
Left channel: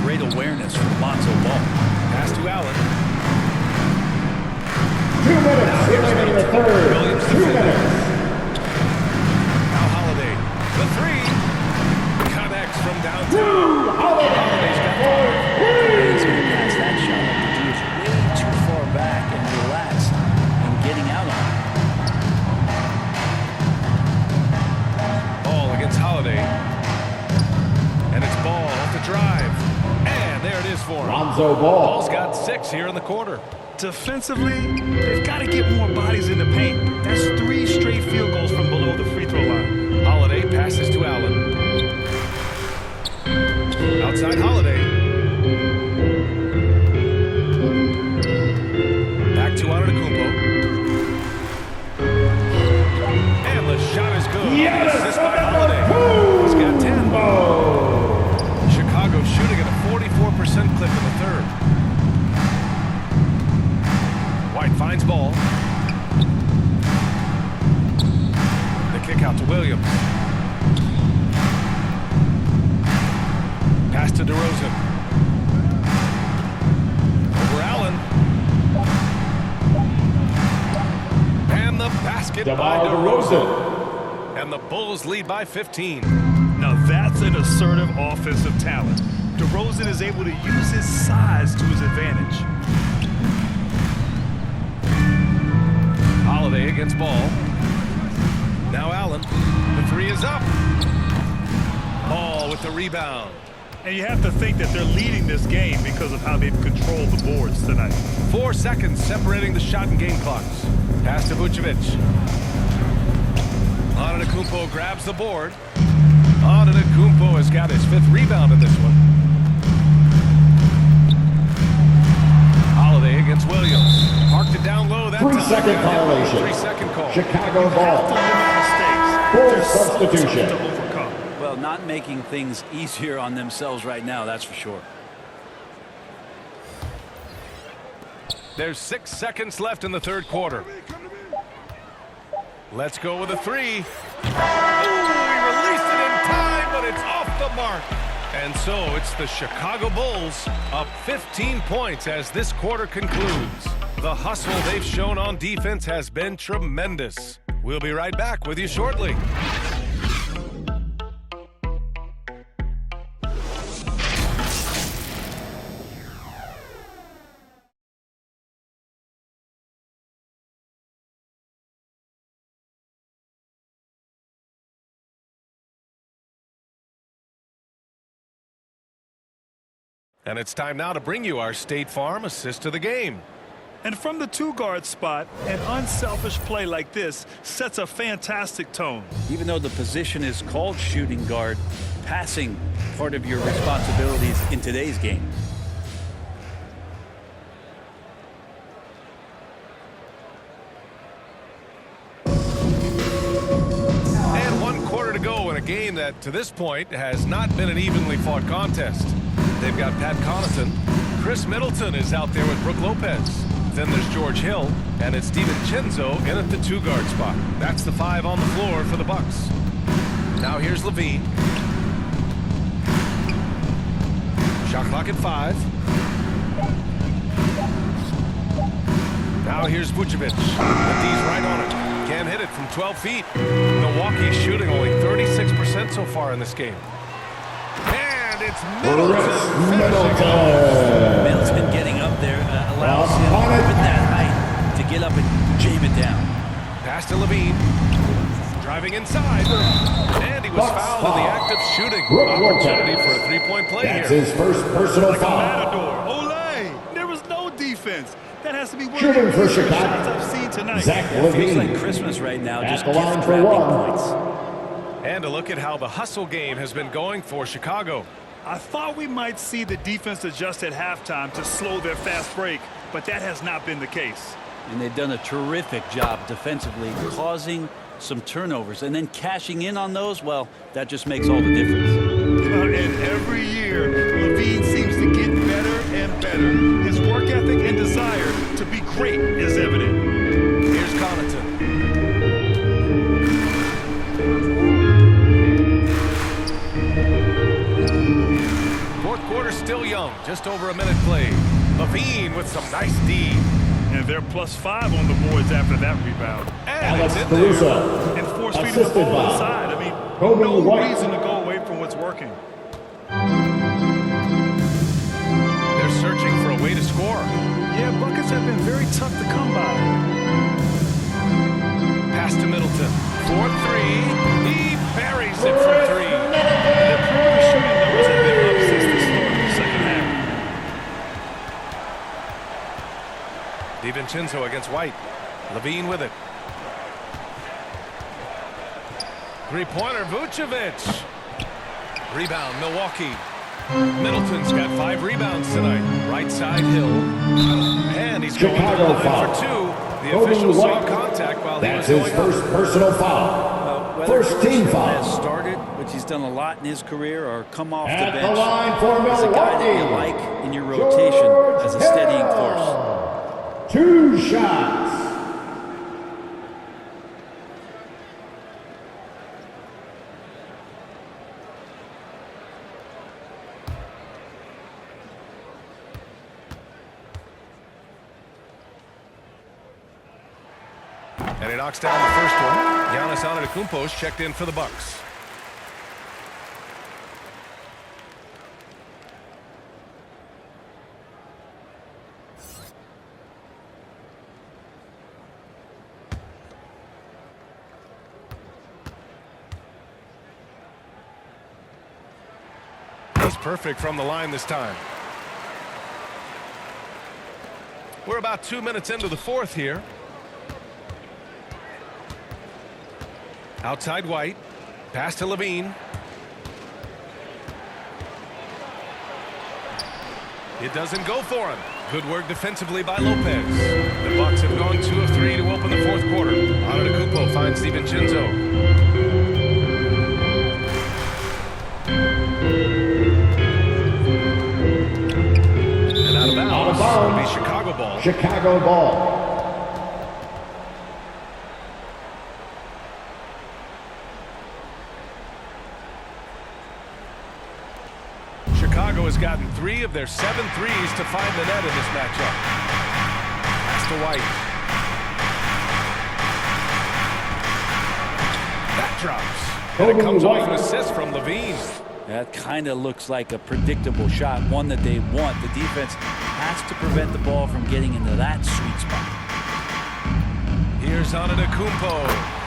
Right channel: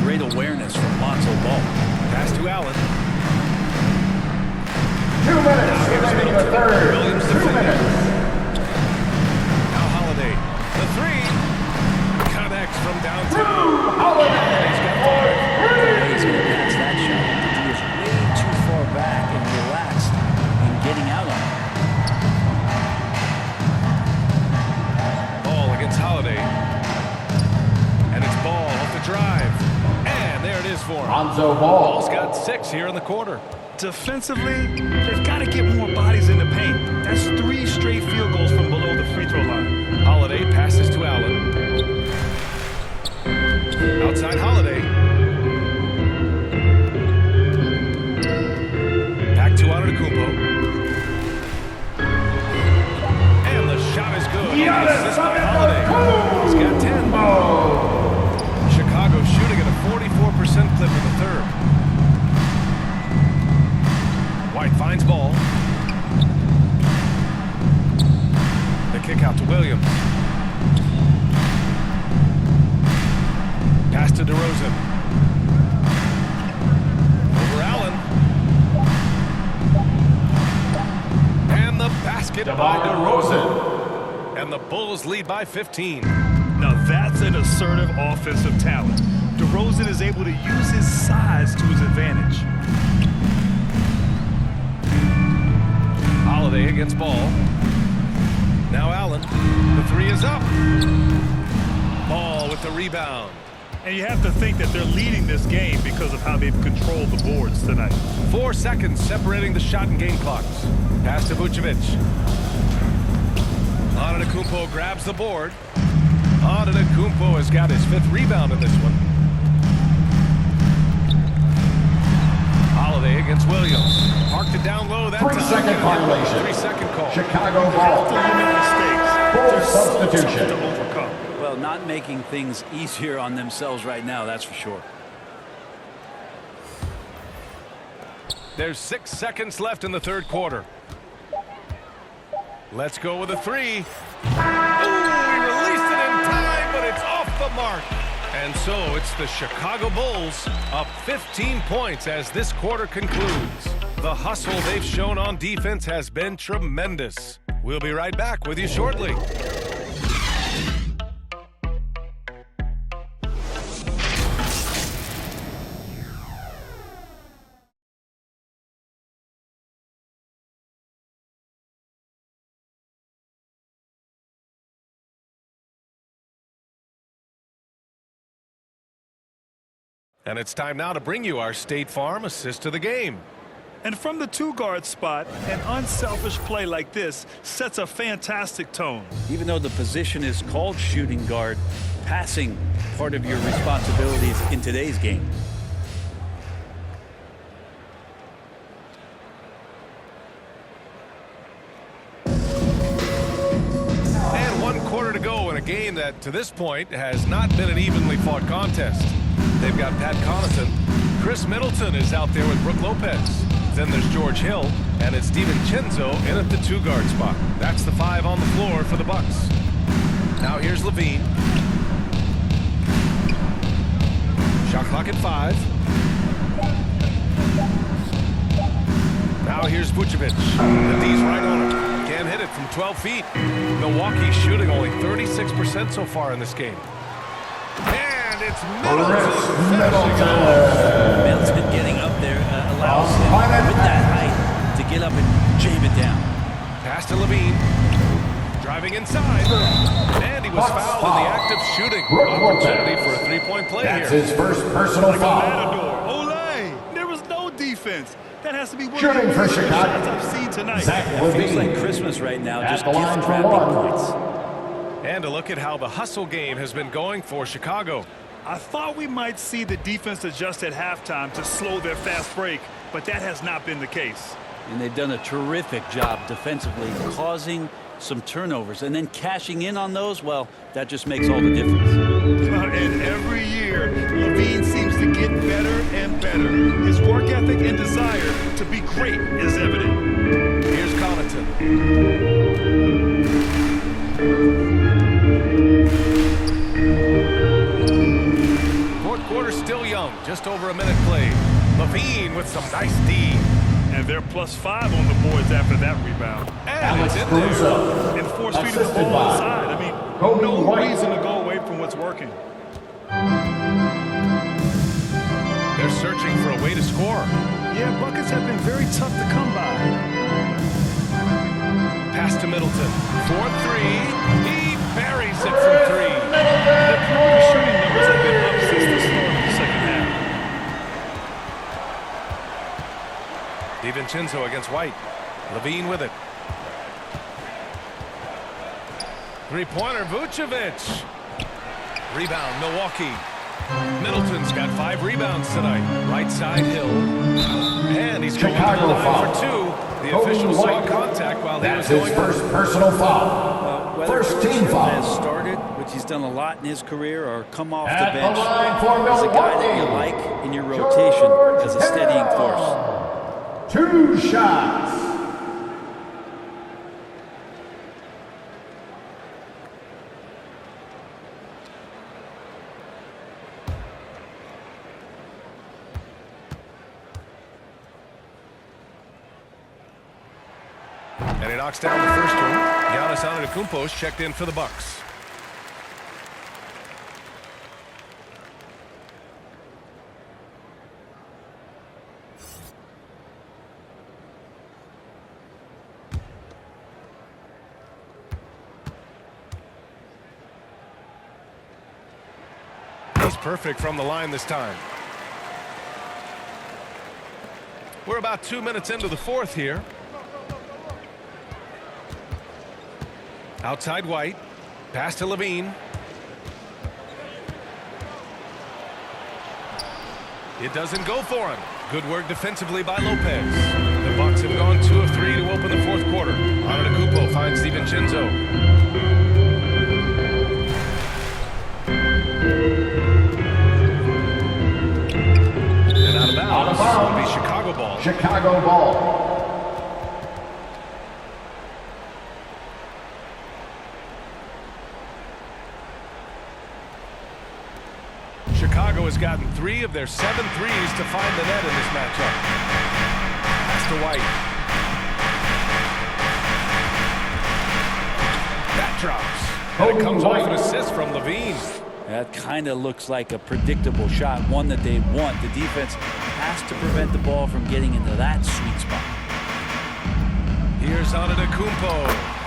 great awareness from Lonzo Ball. Pass to Allen. 2 minutes Now here's remaining in the Middleton. third. Williams 2 defending. minutes. Now Holiday. The three. Connects from downtown. Holiday's got 5. The way he's going to pass that shot up, he is way too far back and relaxed and getting out on it. Ball against Holiday. And it's Ball off the drive. And there it is for him. Lonzo Ball. Ball's got 6 here in the quarter. Defensively, they've got to get more bodies in the paint. That's 3 straight field goals from below the free throw line. Holiday passes to Allen. Outside Holiday. Back to Antetokounmpo. And the shot is good. The assist by Holiday. He's got 10. Chicago shooting at a 44% clip in the third. White finds Ball. The kick out to Williams. Pass to DeRozan. Over Allen. And the basket by DeRozan. And the Bulls lead by 15. Now that's an assertive offensive talent. DeRozan is able to use his size to his advantage. Holiday against Ball. Now Allen. The three is up. Ball with the rebound. And you have to think that they're leading this game because of how they've controlled the boards tonight. 4 seconds separating the shot and game clocks. Pass to Vucevic. Antetokounmpo grabs the board. Antetokounmpo has got his 5th rebound in this one. Holiday against Williams. Parked it down low that time. 3-second violation. 3-second call. Chicago Have ball. to limit mistakes. Full They're so tough substitution. to overcome. Well, not making things easier on themselves right now, that's for sure. There's 6 seconds left in the third quarter. Let's go with a 3. Ooh, he released it in time, but it's off the mark. And so it's the Chicago Bulls up 15 points as this quarter concludes. The hustle they've shown on defense has been tremendous. We'll be right back with you shortly. And it's time now to bring you our State Farm assist to the game. And from the 2-guard spot, an unselfish play like this sets a fantastic tone. Even though the position is called shooting guard, passing part of your responsibilities in today's game. And 1 quarter to go in a game that, to this point, has not been an evenly fought contest. They've got Pat Connaughton. Chris Middleton is out there with Brook Lopez. Then there's George Hill, and it's DiVincenzo in at the 2-guard spot. That's the 5 on the floor for the Bucks. Now here's LaVine. Shot clock at 5. Now here's Vucevic. The D's right on it. Can't hit it from 12 feet. Milwaukee's shooting only 36% so far in this game. And it's Middleton finishing it off. Middleton getting up there allows him with that height to get up and jam it down. Pass to LaVine. Driving inside. And he was fouled in the act of shooting. Brooke Opportunity Lopez. for a three-point play That's here. his first personal Like a foul. matador. Olay! There was no defense. That has to be one Shooting of for the easier Chicago. shots I've seen tonight. Zach Yeah, it feels Levine. like Christmas right now. At Just the line gift for wrapping one. points. And a look at how the hustle game has been going for Chicago. I thought we might see the defense adjust at halftime to slow their fast break, but that has not been the case. And they've done a terrific job defensively, causing some turnovers. And then cashing in on those, well, that just makes all the difference. And every year, Levine seems to get better and better. His work ethic and desire to be great is evident. Here's Connaughton. Fourth quarter still young, just over a minute played. Levine with some nice D. And they're +5 on the boards after that rebound. And Alex it's in there. Caruso. And force feeding the Assisted ball by inside. I mean, Kobe no White. reason to go away from what's working. They're searching for a way to score. Yeah, buckets have been very tough to come by. Pass to Middleton. 4-3. He buries it from three. And their perimeter shooting numbers have been up since the start of the second half. DiVincenzo against White. Levine with it. Three-pointer, Vucevic. Rebound, Milwaukee. Middleton's got 5 rebounds tonight. Right side, Hill. And he's going to the Chicago line foul. for 2. The Kobe official saw White. contact while he That's was his going first up. personal foul. Whether First George team Hill foul. has started, which he's done a lot in his career, or come off At the the bench, line for he's a guy that you Milwaukee. like in your rotation George as a steadying Hill. force. 2 shots. And he knocks down the first one. Giannis Antetokounmpo's checked in for the Bucks. He's perfect from the line this time. We're about 2 minutes into the fourth here. Outside White. Pass to Levine. It doesn't go for him. Good work defensively by Lopez. The Bucks have gone 2 of 3 to open the fourth quarter. Antetokounmpo finds DiVincenzo. And out of bounds. It'll be Chicago ball. Chicago ball. Chicago has gotten 3 of their 7 threes to find the net in this matchup. Pass to White. That drops. And it comes off an assist from Levine. That kind of looks like a predictable shot, one that they want. The defense has to prevent the ball from getting into that sweet spot. Here's Antetokounmpo.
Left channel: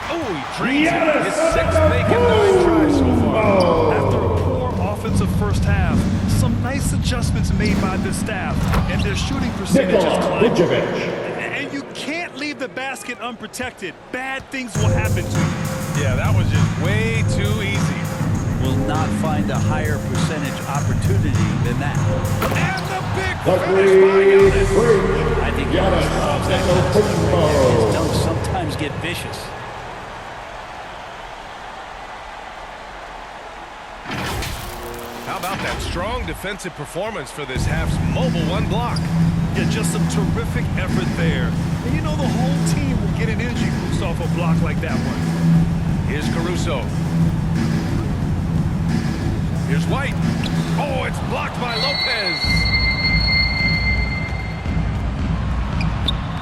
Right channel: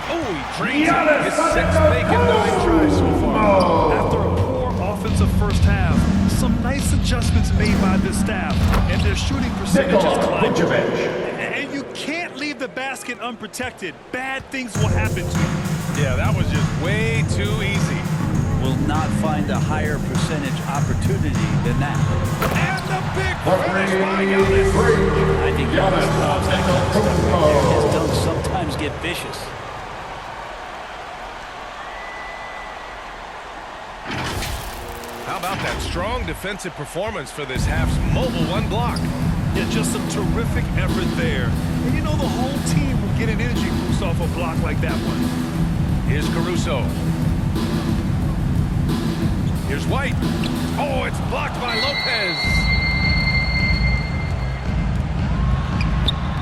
Oh, he drains it. His 6th make in 9 tries so far. After a poor offensive first half, some nice adjustments made by this staff, and their shooting percentage is Nikola climbing. Vucevic. And you can't leave the basket unprotected. Bad things will happen to you. Yeah, that was just way too easy. Will not find a higher percentage opportunity than that. And the big The finish by Giannis. Bridge. I think Giannis Giannis loves that kind of stuff right there. His Antetokounmpo. dunks sometimes get vicious. How about that strong defensive performance for this half's mobile 1 block? Yeah, just some terrific effort there. And you know the whole team will get an energy boost off a block like that one. Here's Caruso. Here's White. Oh, it's blocked by Lopez.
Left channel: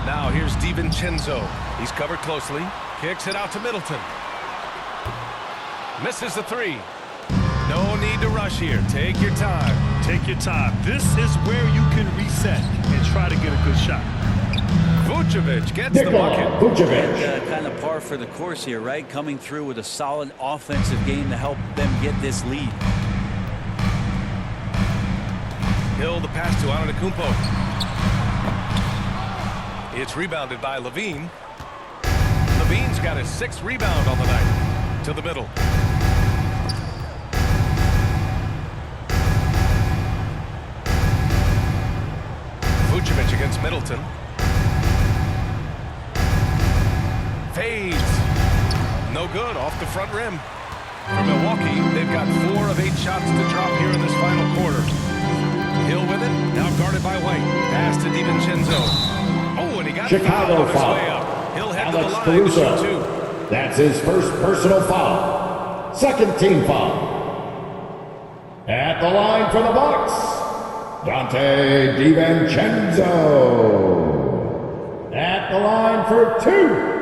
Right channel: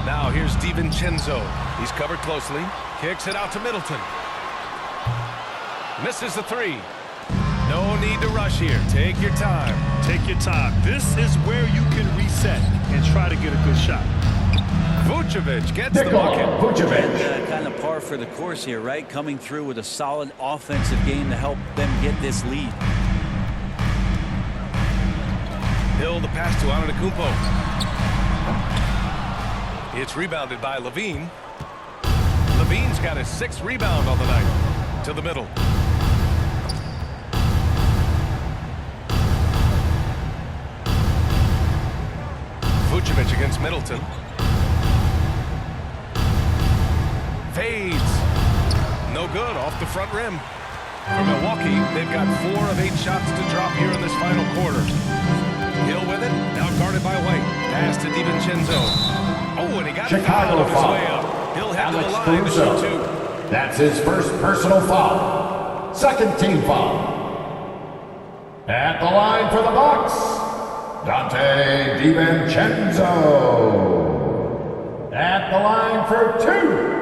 Now here's DiVincenzo. He's covered closely. Kicks it out to Middleton. Misses the 3. No need to rush here. Take your time. Take your time. This is where you can reset and try to get a good shot. Vucevic gets the Nikola bucket. Vucevic. And kind of par for the course here, right? Coming through with a solid offensive game to help them get this lead. Hill the pass to Antetokounmpo. It's rebounded by Levine. Levine's got his 6th rebound on the night. To the middle. Vucevic against Middleton. Fades. No good, off the front rim. For Milwaukee, they've got 4 of 8 shots to drop here in this final quarter. Hill with it, now guarded by White. Pass to DiVincenzo. Oh, and he got fouled on his way up. He'll head to the line to shoot 2. That's his first personal foul. 2nd team foul. At the line for the Bucks, Dante DiVincenzo. At the line for 2.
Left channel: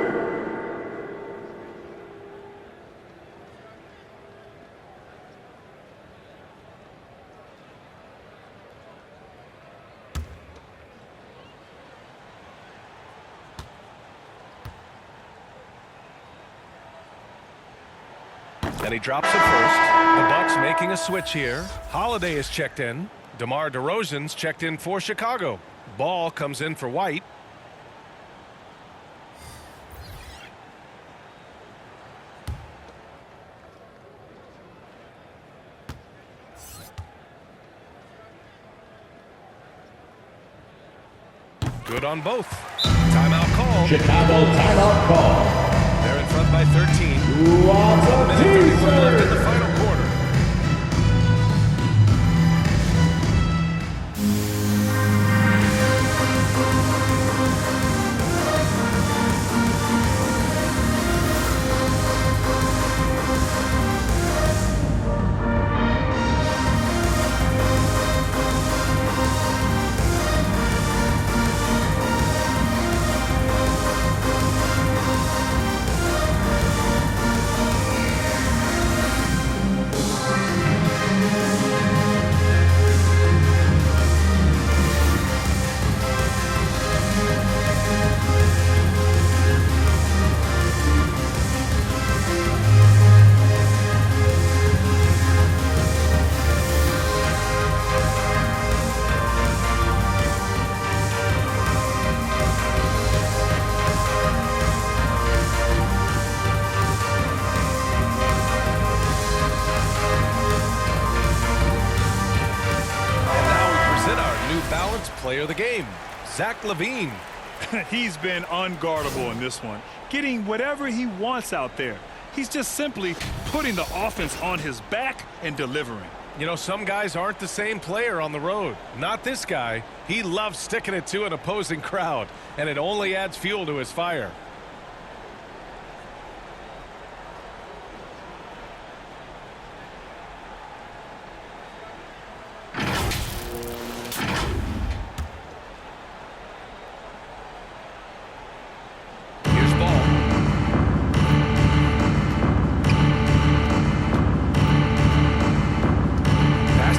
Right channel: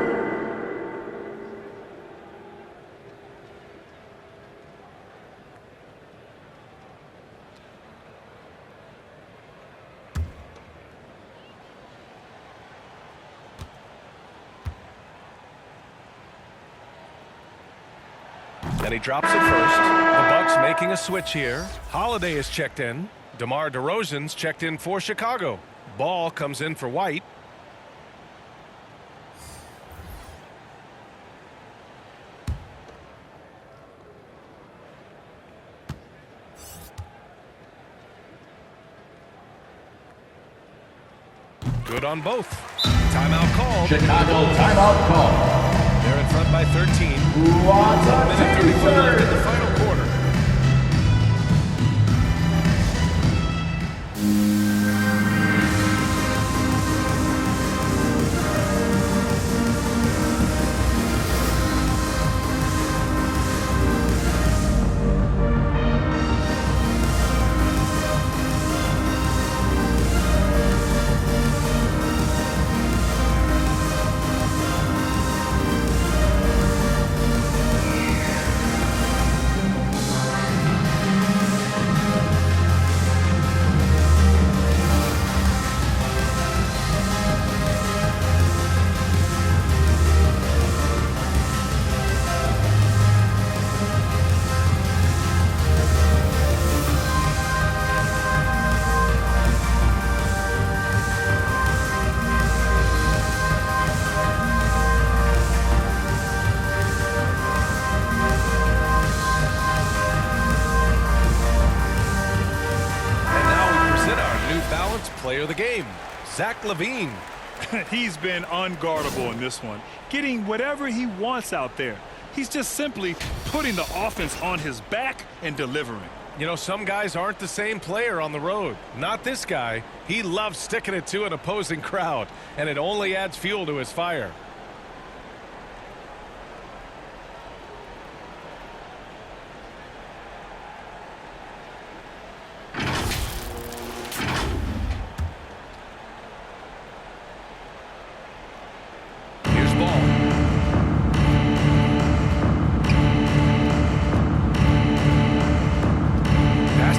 And he drops it first. The Bucks making a switch here. Holiday is checked in. DeMar DeRozan's checked in for Chicago. Ball comes in for White. Good on both. Timeout called. Chicago timeout call. They're in front by 13. Lots of 1 minute 31 left in the final quarter. New Balance player of the game, Zach LaVine. He's been unguardable in this one, getting whatever he wants out there. He's just simply putting the offense on his back and delivering. You know, some guys aren't the same player on the road. Not this guy. He loves sticking it to an opposing crowd, and it only adds fuel to his fire.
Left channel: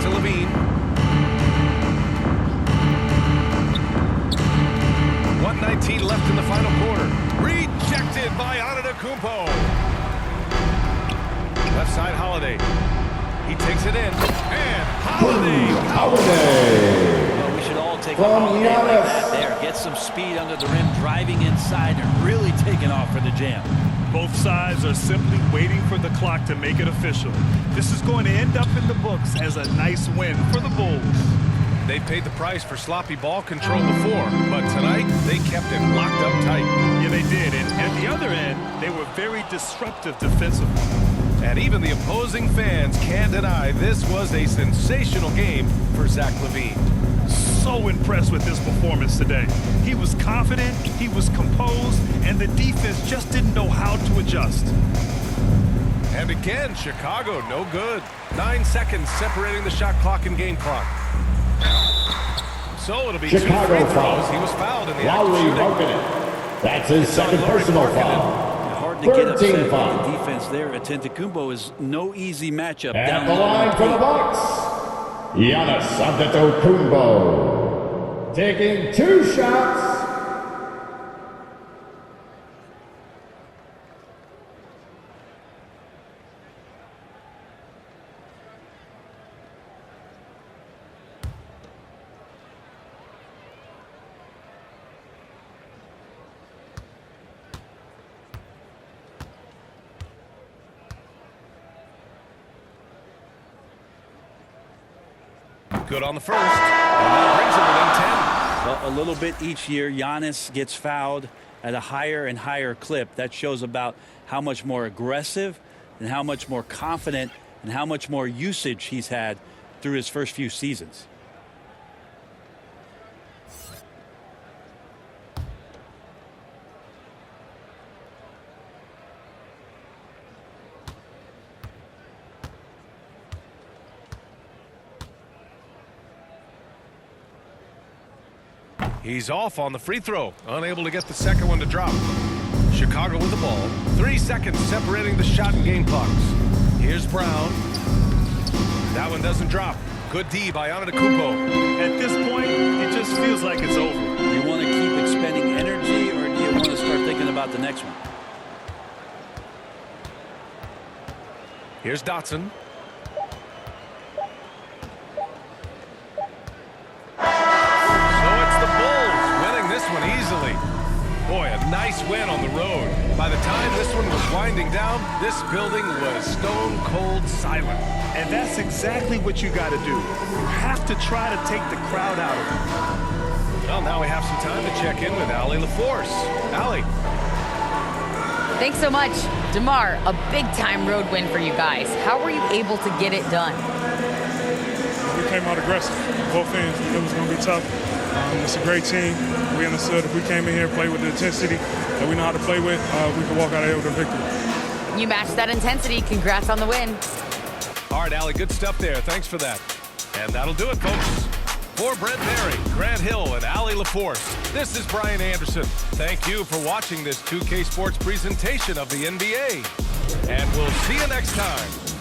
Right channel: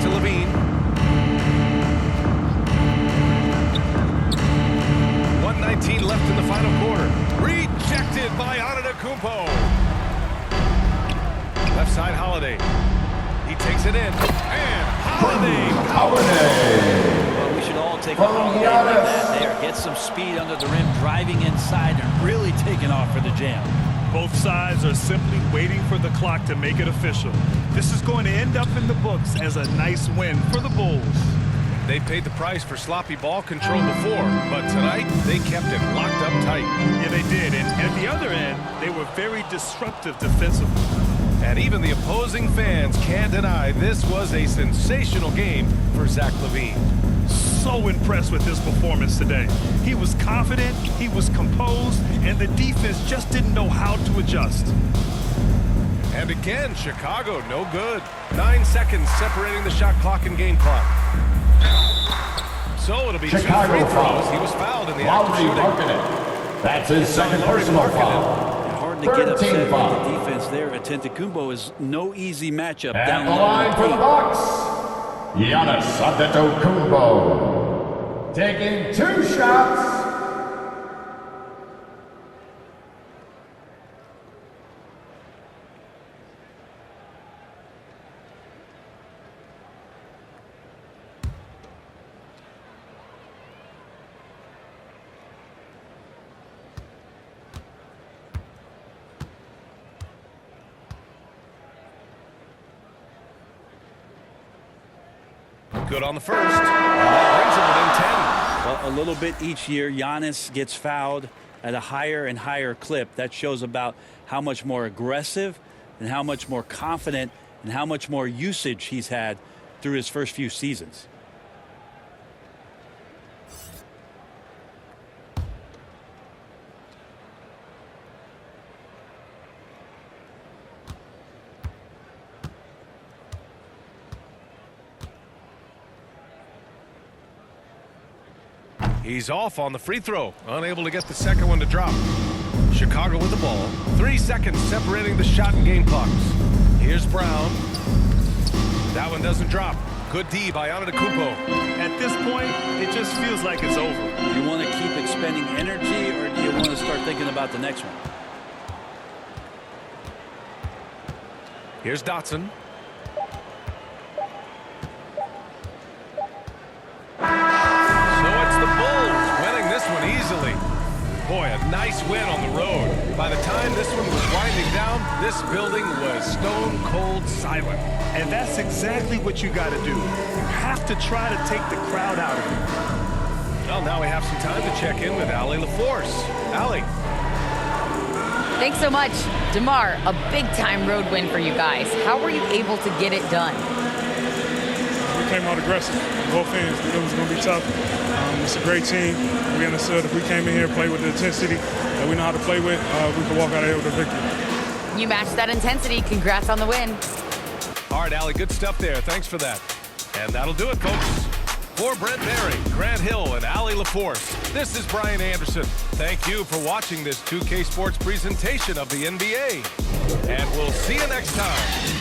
Levine. 1:19 left in the final quarter. Rejected by Antetokounmpo. Left side, Holiday. He takes it in. And Holiday. Well, we should all take a Holiday like that there. Get some speed under the rim, driving inside, and really taking off for the jam. Both sides are simply waiting for the clock to make it official. This is going to end up in the books as a nice win for the Bulls. They paid the price for sloppy ball control before, but tonight they kept it locked up tight. Yeah, they did. And at the other end, they were very disruptive defensively. And even the opposing fans can't deny this was a sensational game for Zach LaVine. So impressed with his performance today. He was confident, he was composed, and the defense just didn't know how to adjust. And again, Chicago no good. 9 seconds separating the shot clock and game clock. So it'll be Chicago 2 free throws. foul. He was fouled in the act of Lauri shooting. Markkanen. That's his second personal foul. Hard to get upset with foul. the defense there. Antetokounmpo is no easy matchup At down the low. line for the Bucks, Giannis Antetokounmpo. Taking 2 shots, good on the first, and that brings him within 10. Well, a little bit each year, Giannis gets fouled at a higher and higher clip. That shows about how much more aggressive and how much more confident and how much more usage he's had through his first few seasons. He's off on the free throw, unable to get the second one to drop. Chicago with the ball. 3 seconds separating the shot and game clocks. Here's Brown. That one doesn't drop. Good D by Antetokounmpo. At this point, it just feels like it's over. Do you want to keep expending energy, or do you want to start thinking about the next one? Here's Dotson. So it's the Bulls winning this one easily. Boy, a nice win on the road. By the time this one was winding down, this building was stone cold silent. And that's exactly what you got to do. You have to try to take the crowd out of it. Well, now we have some time to check in with Allie LaForce. Allie. Thanks so much. DeMar, a big-time road win for you guys. How were you able to get it done? We came out aggressive. Both ends. We knew it was going to be tough. It's a great team. We understood if we came in here and played with the intensity that we know how to play with, we could walk out of here with a victory. You matched that intensity. Congrats on the win. All right, Allie, good stuff there. Thanks for that. And that'll do it, folks. For Brent Barry, Grant Hill, and Allie LaForce, this is Brian Anderson. Thank you for watching this 2K Sports presentation of the NBA. And we'll see you next time.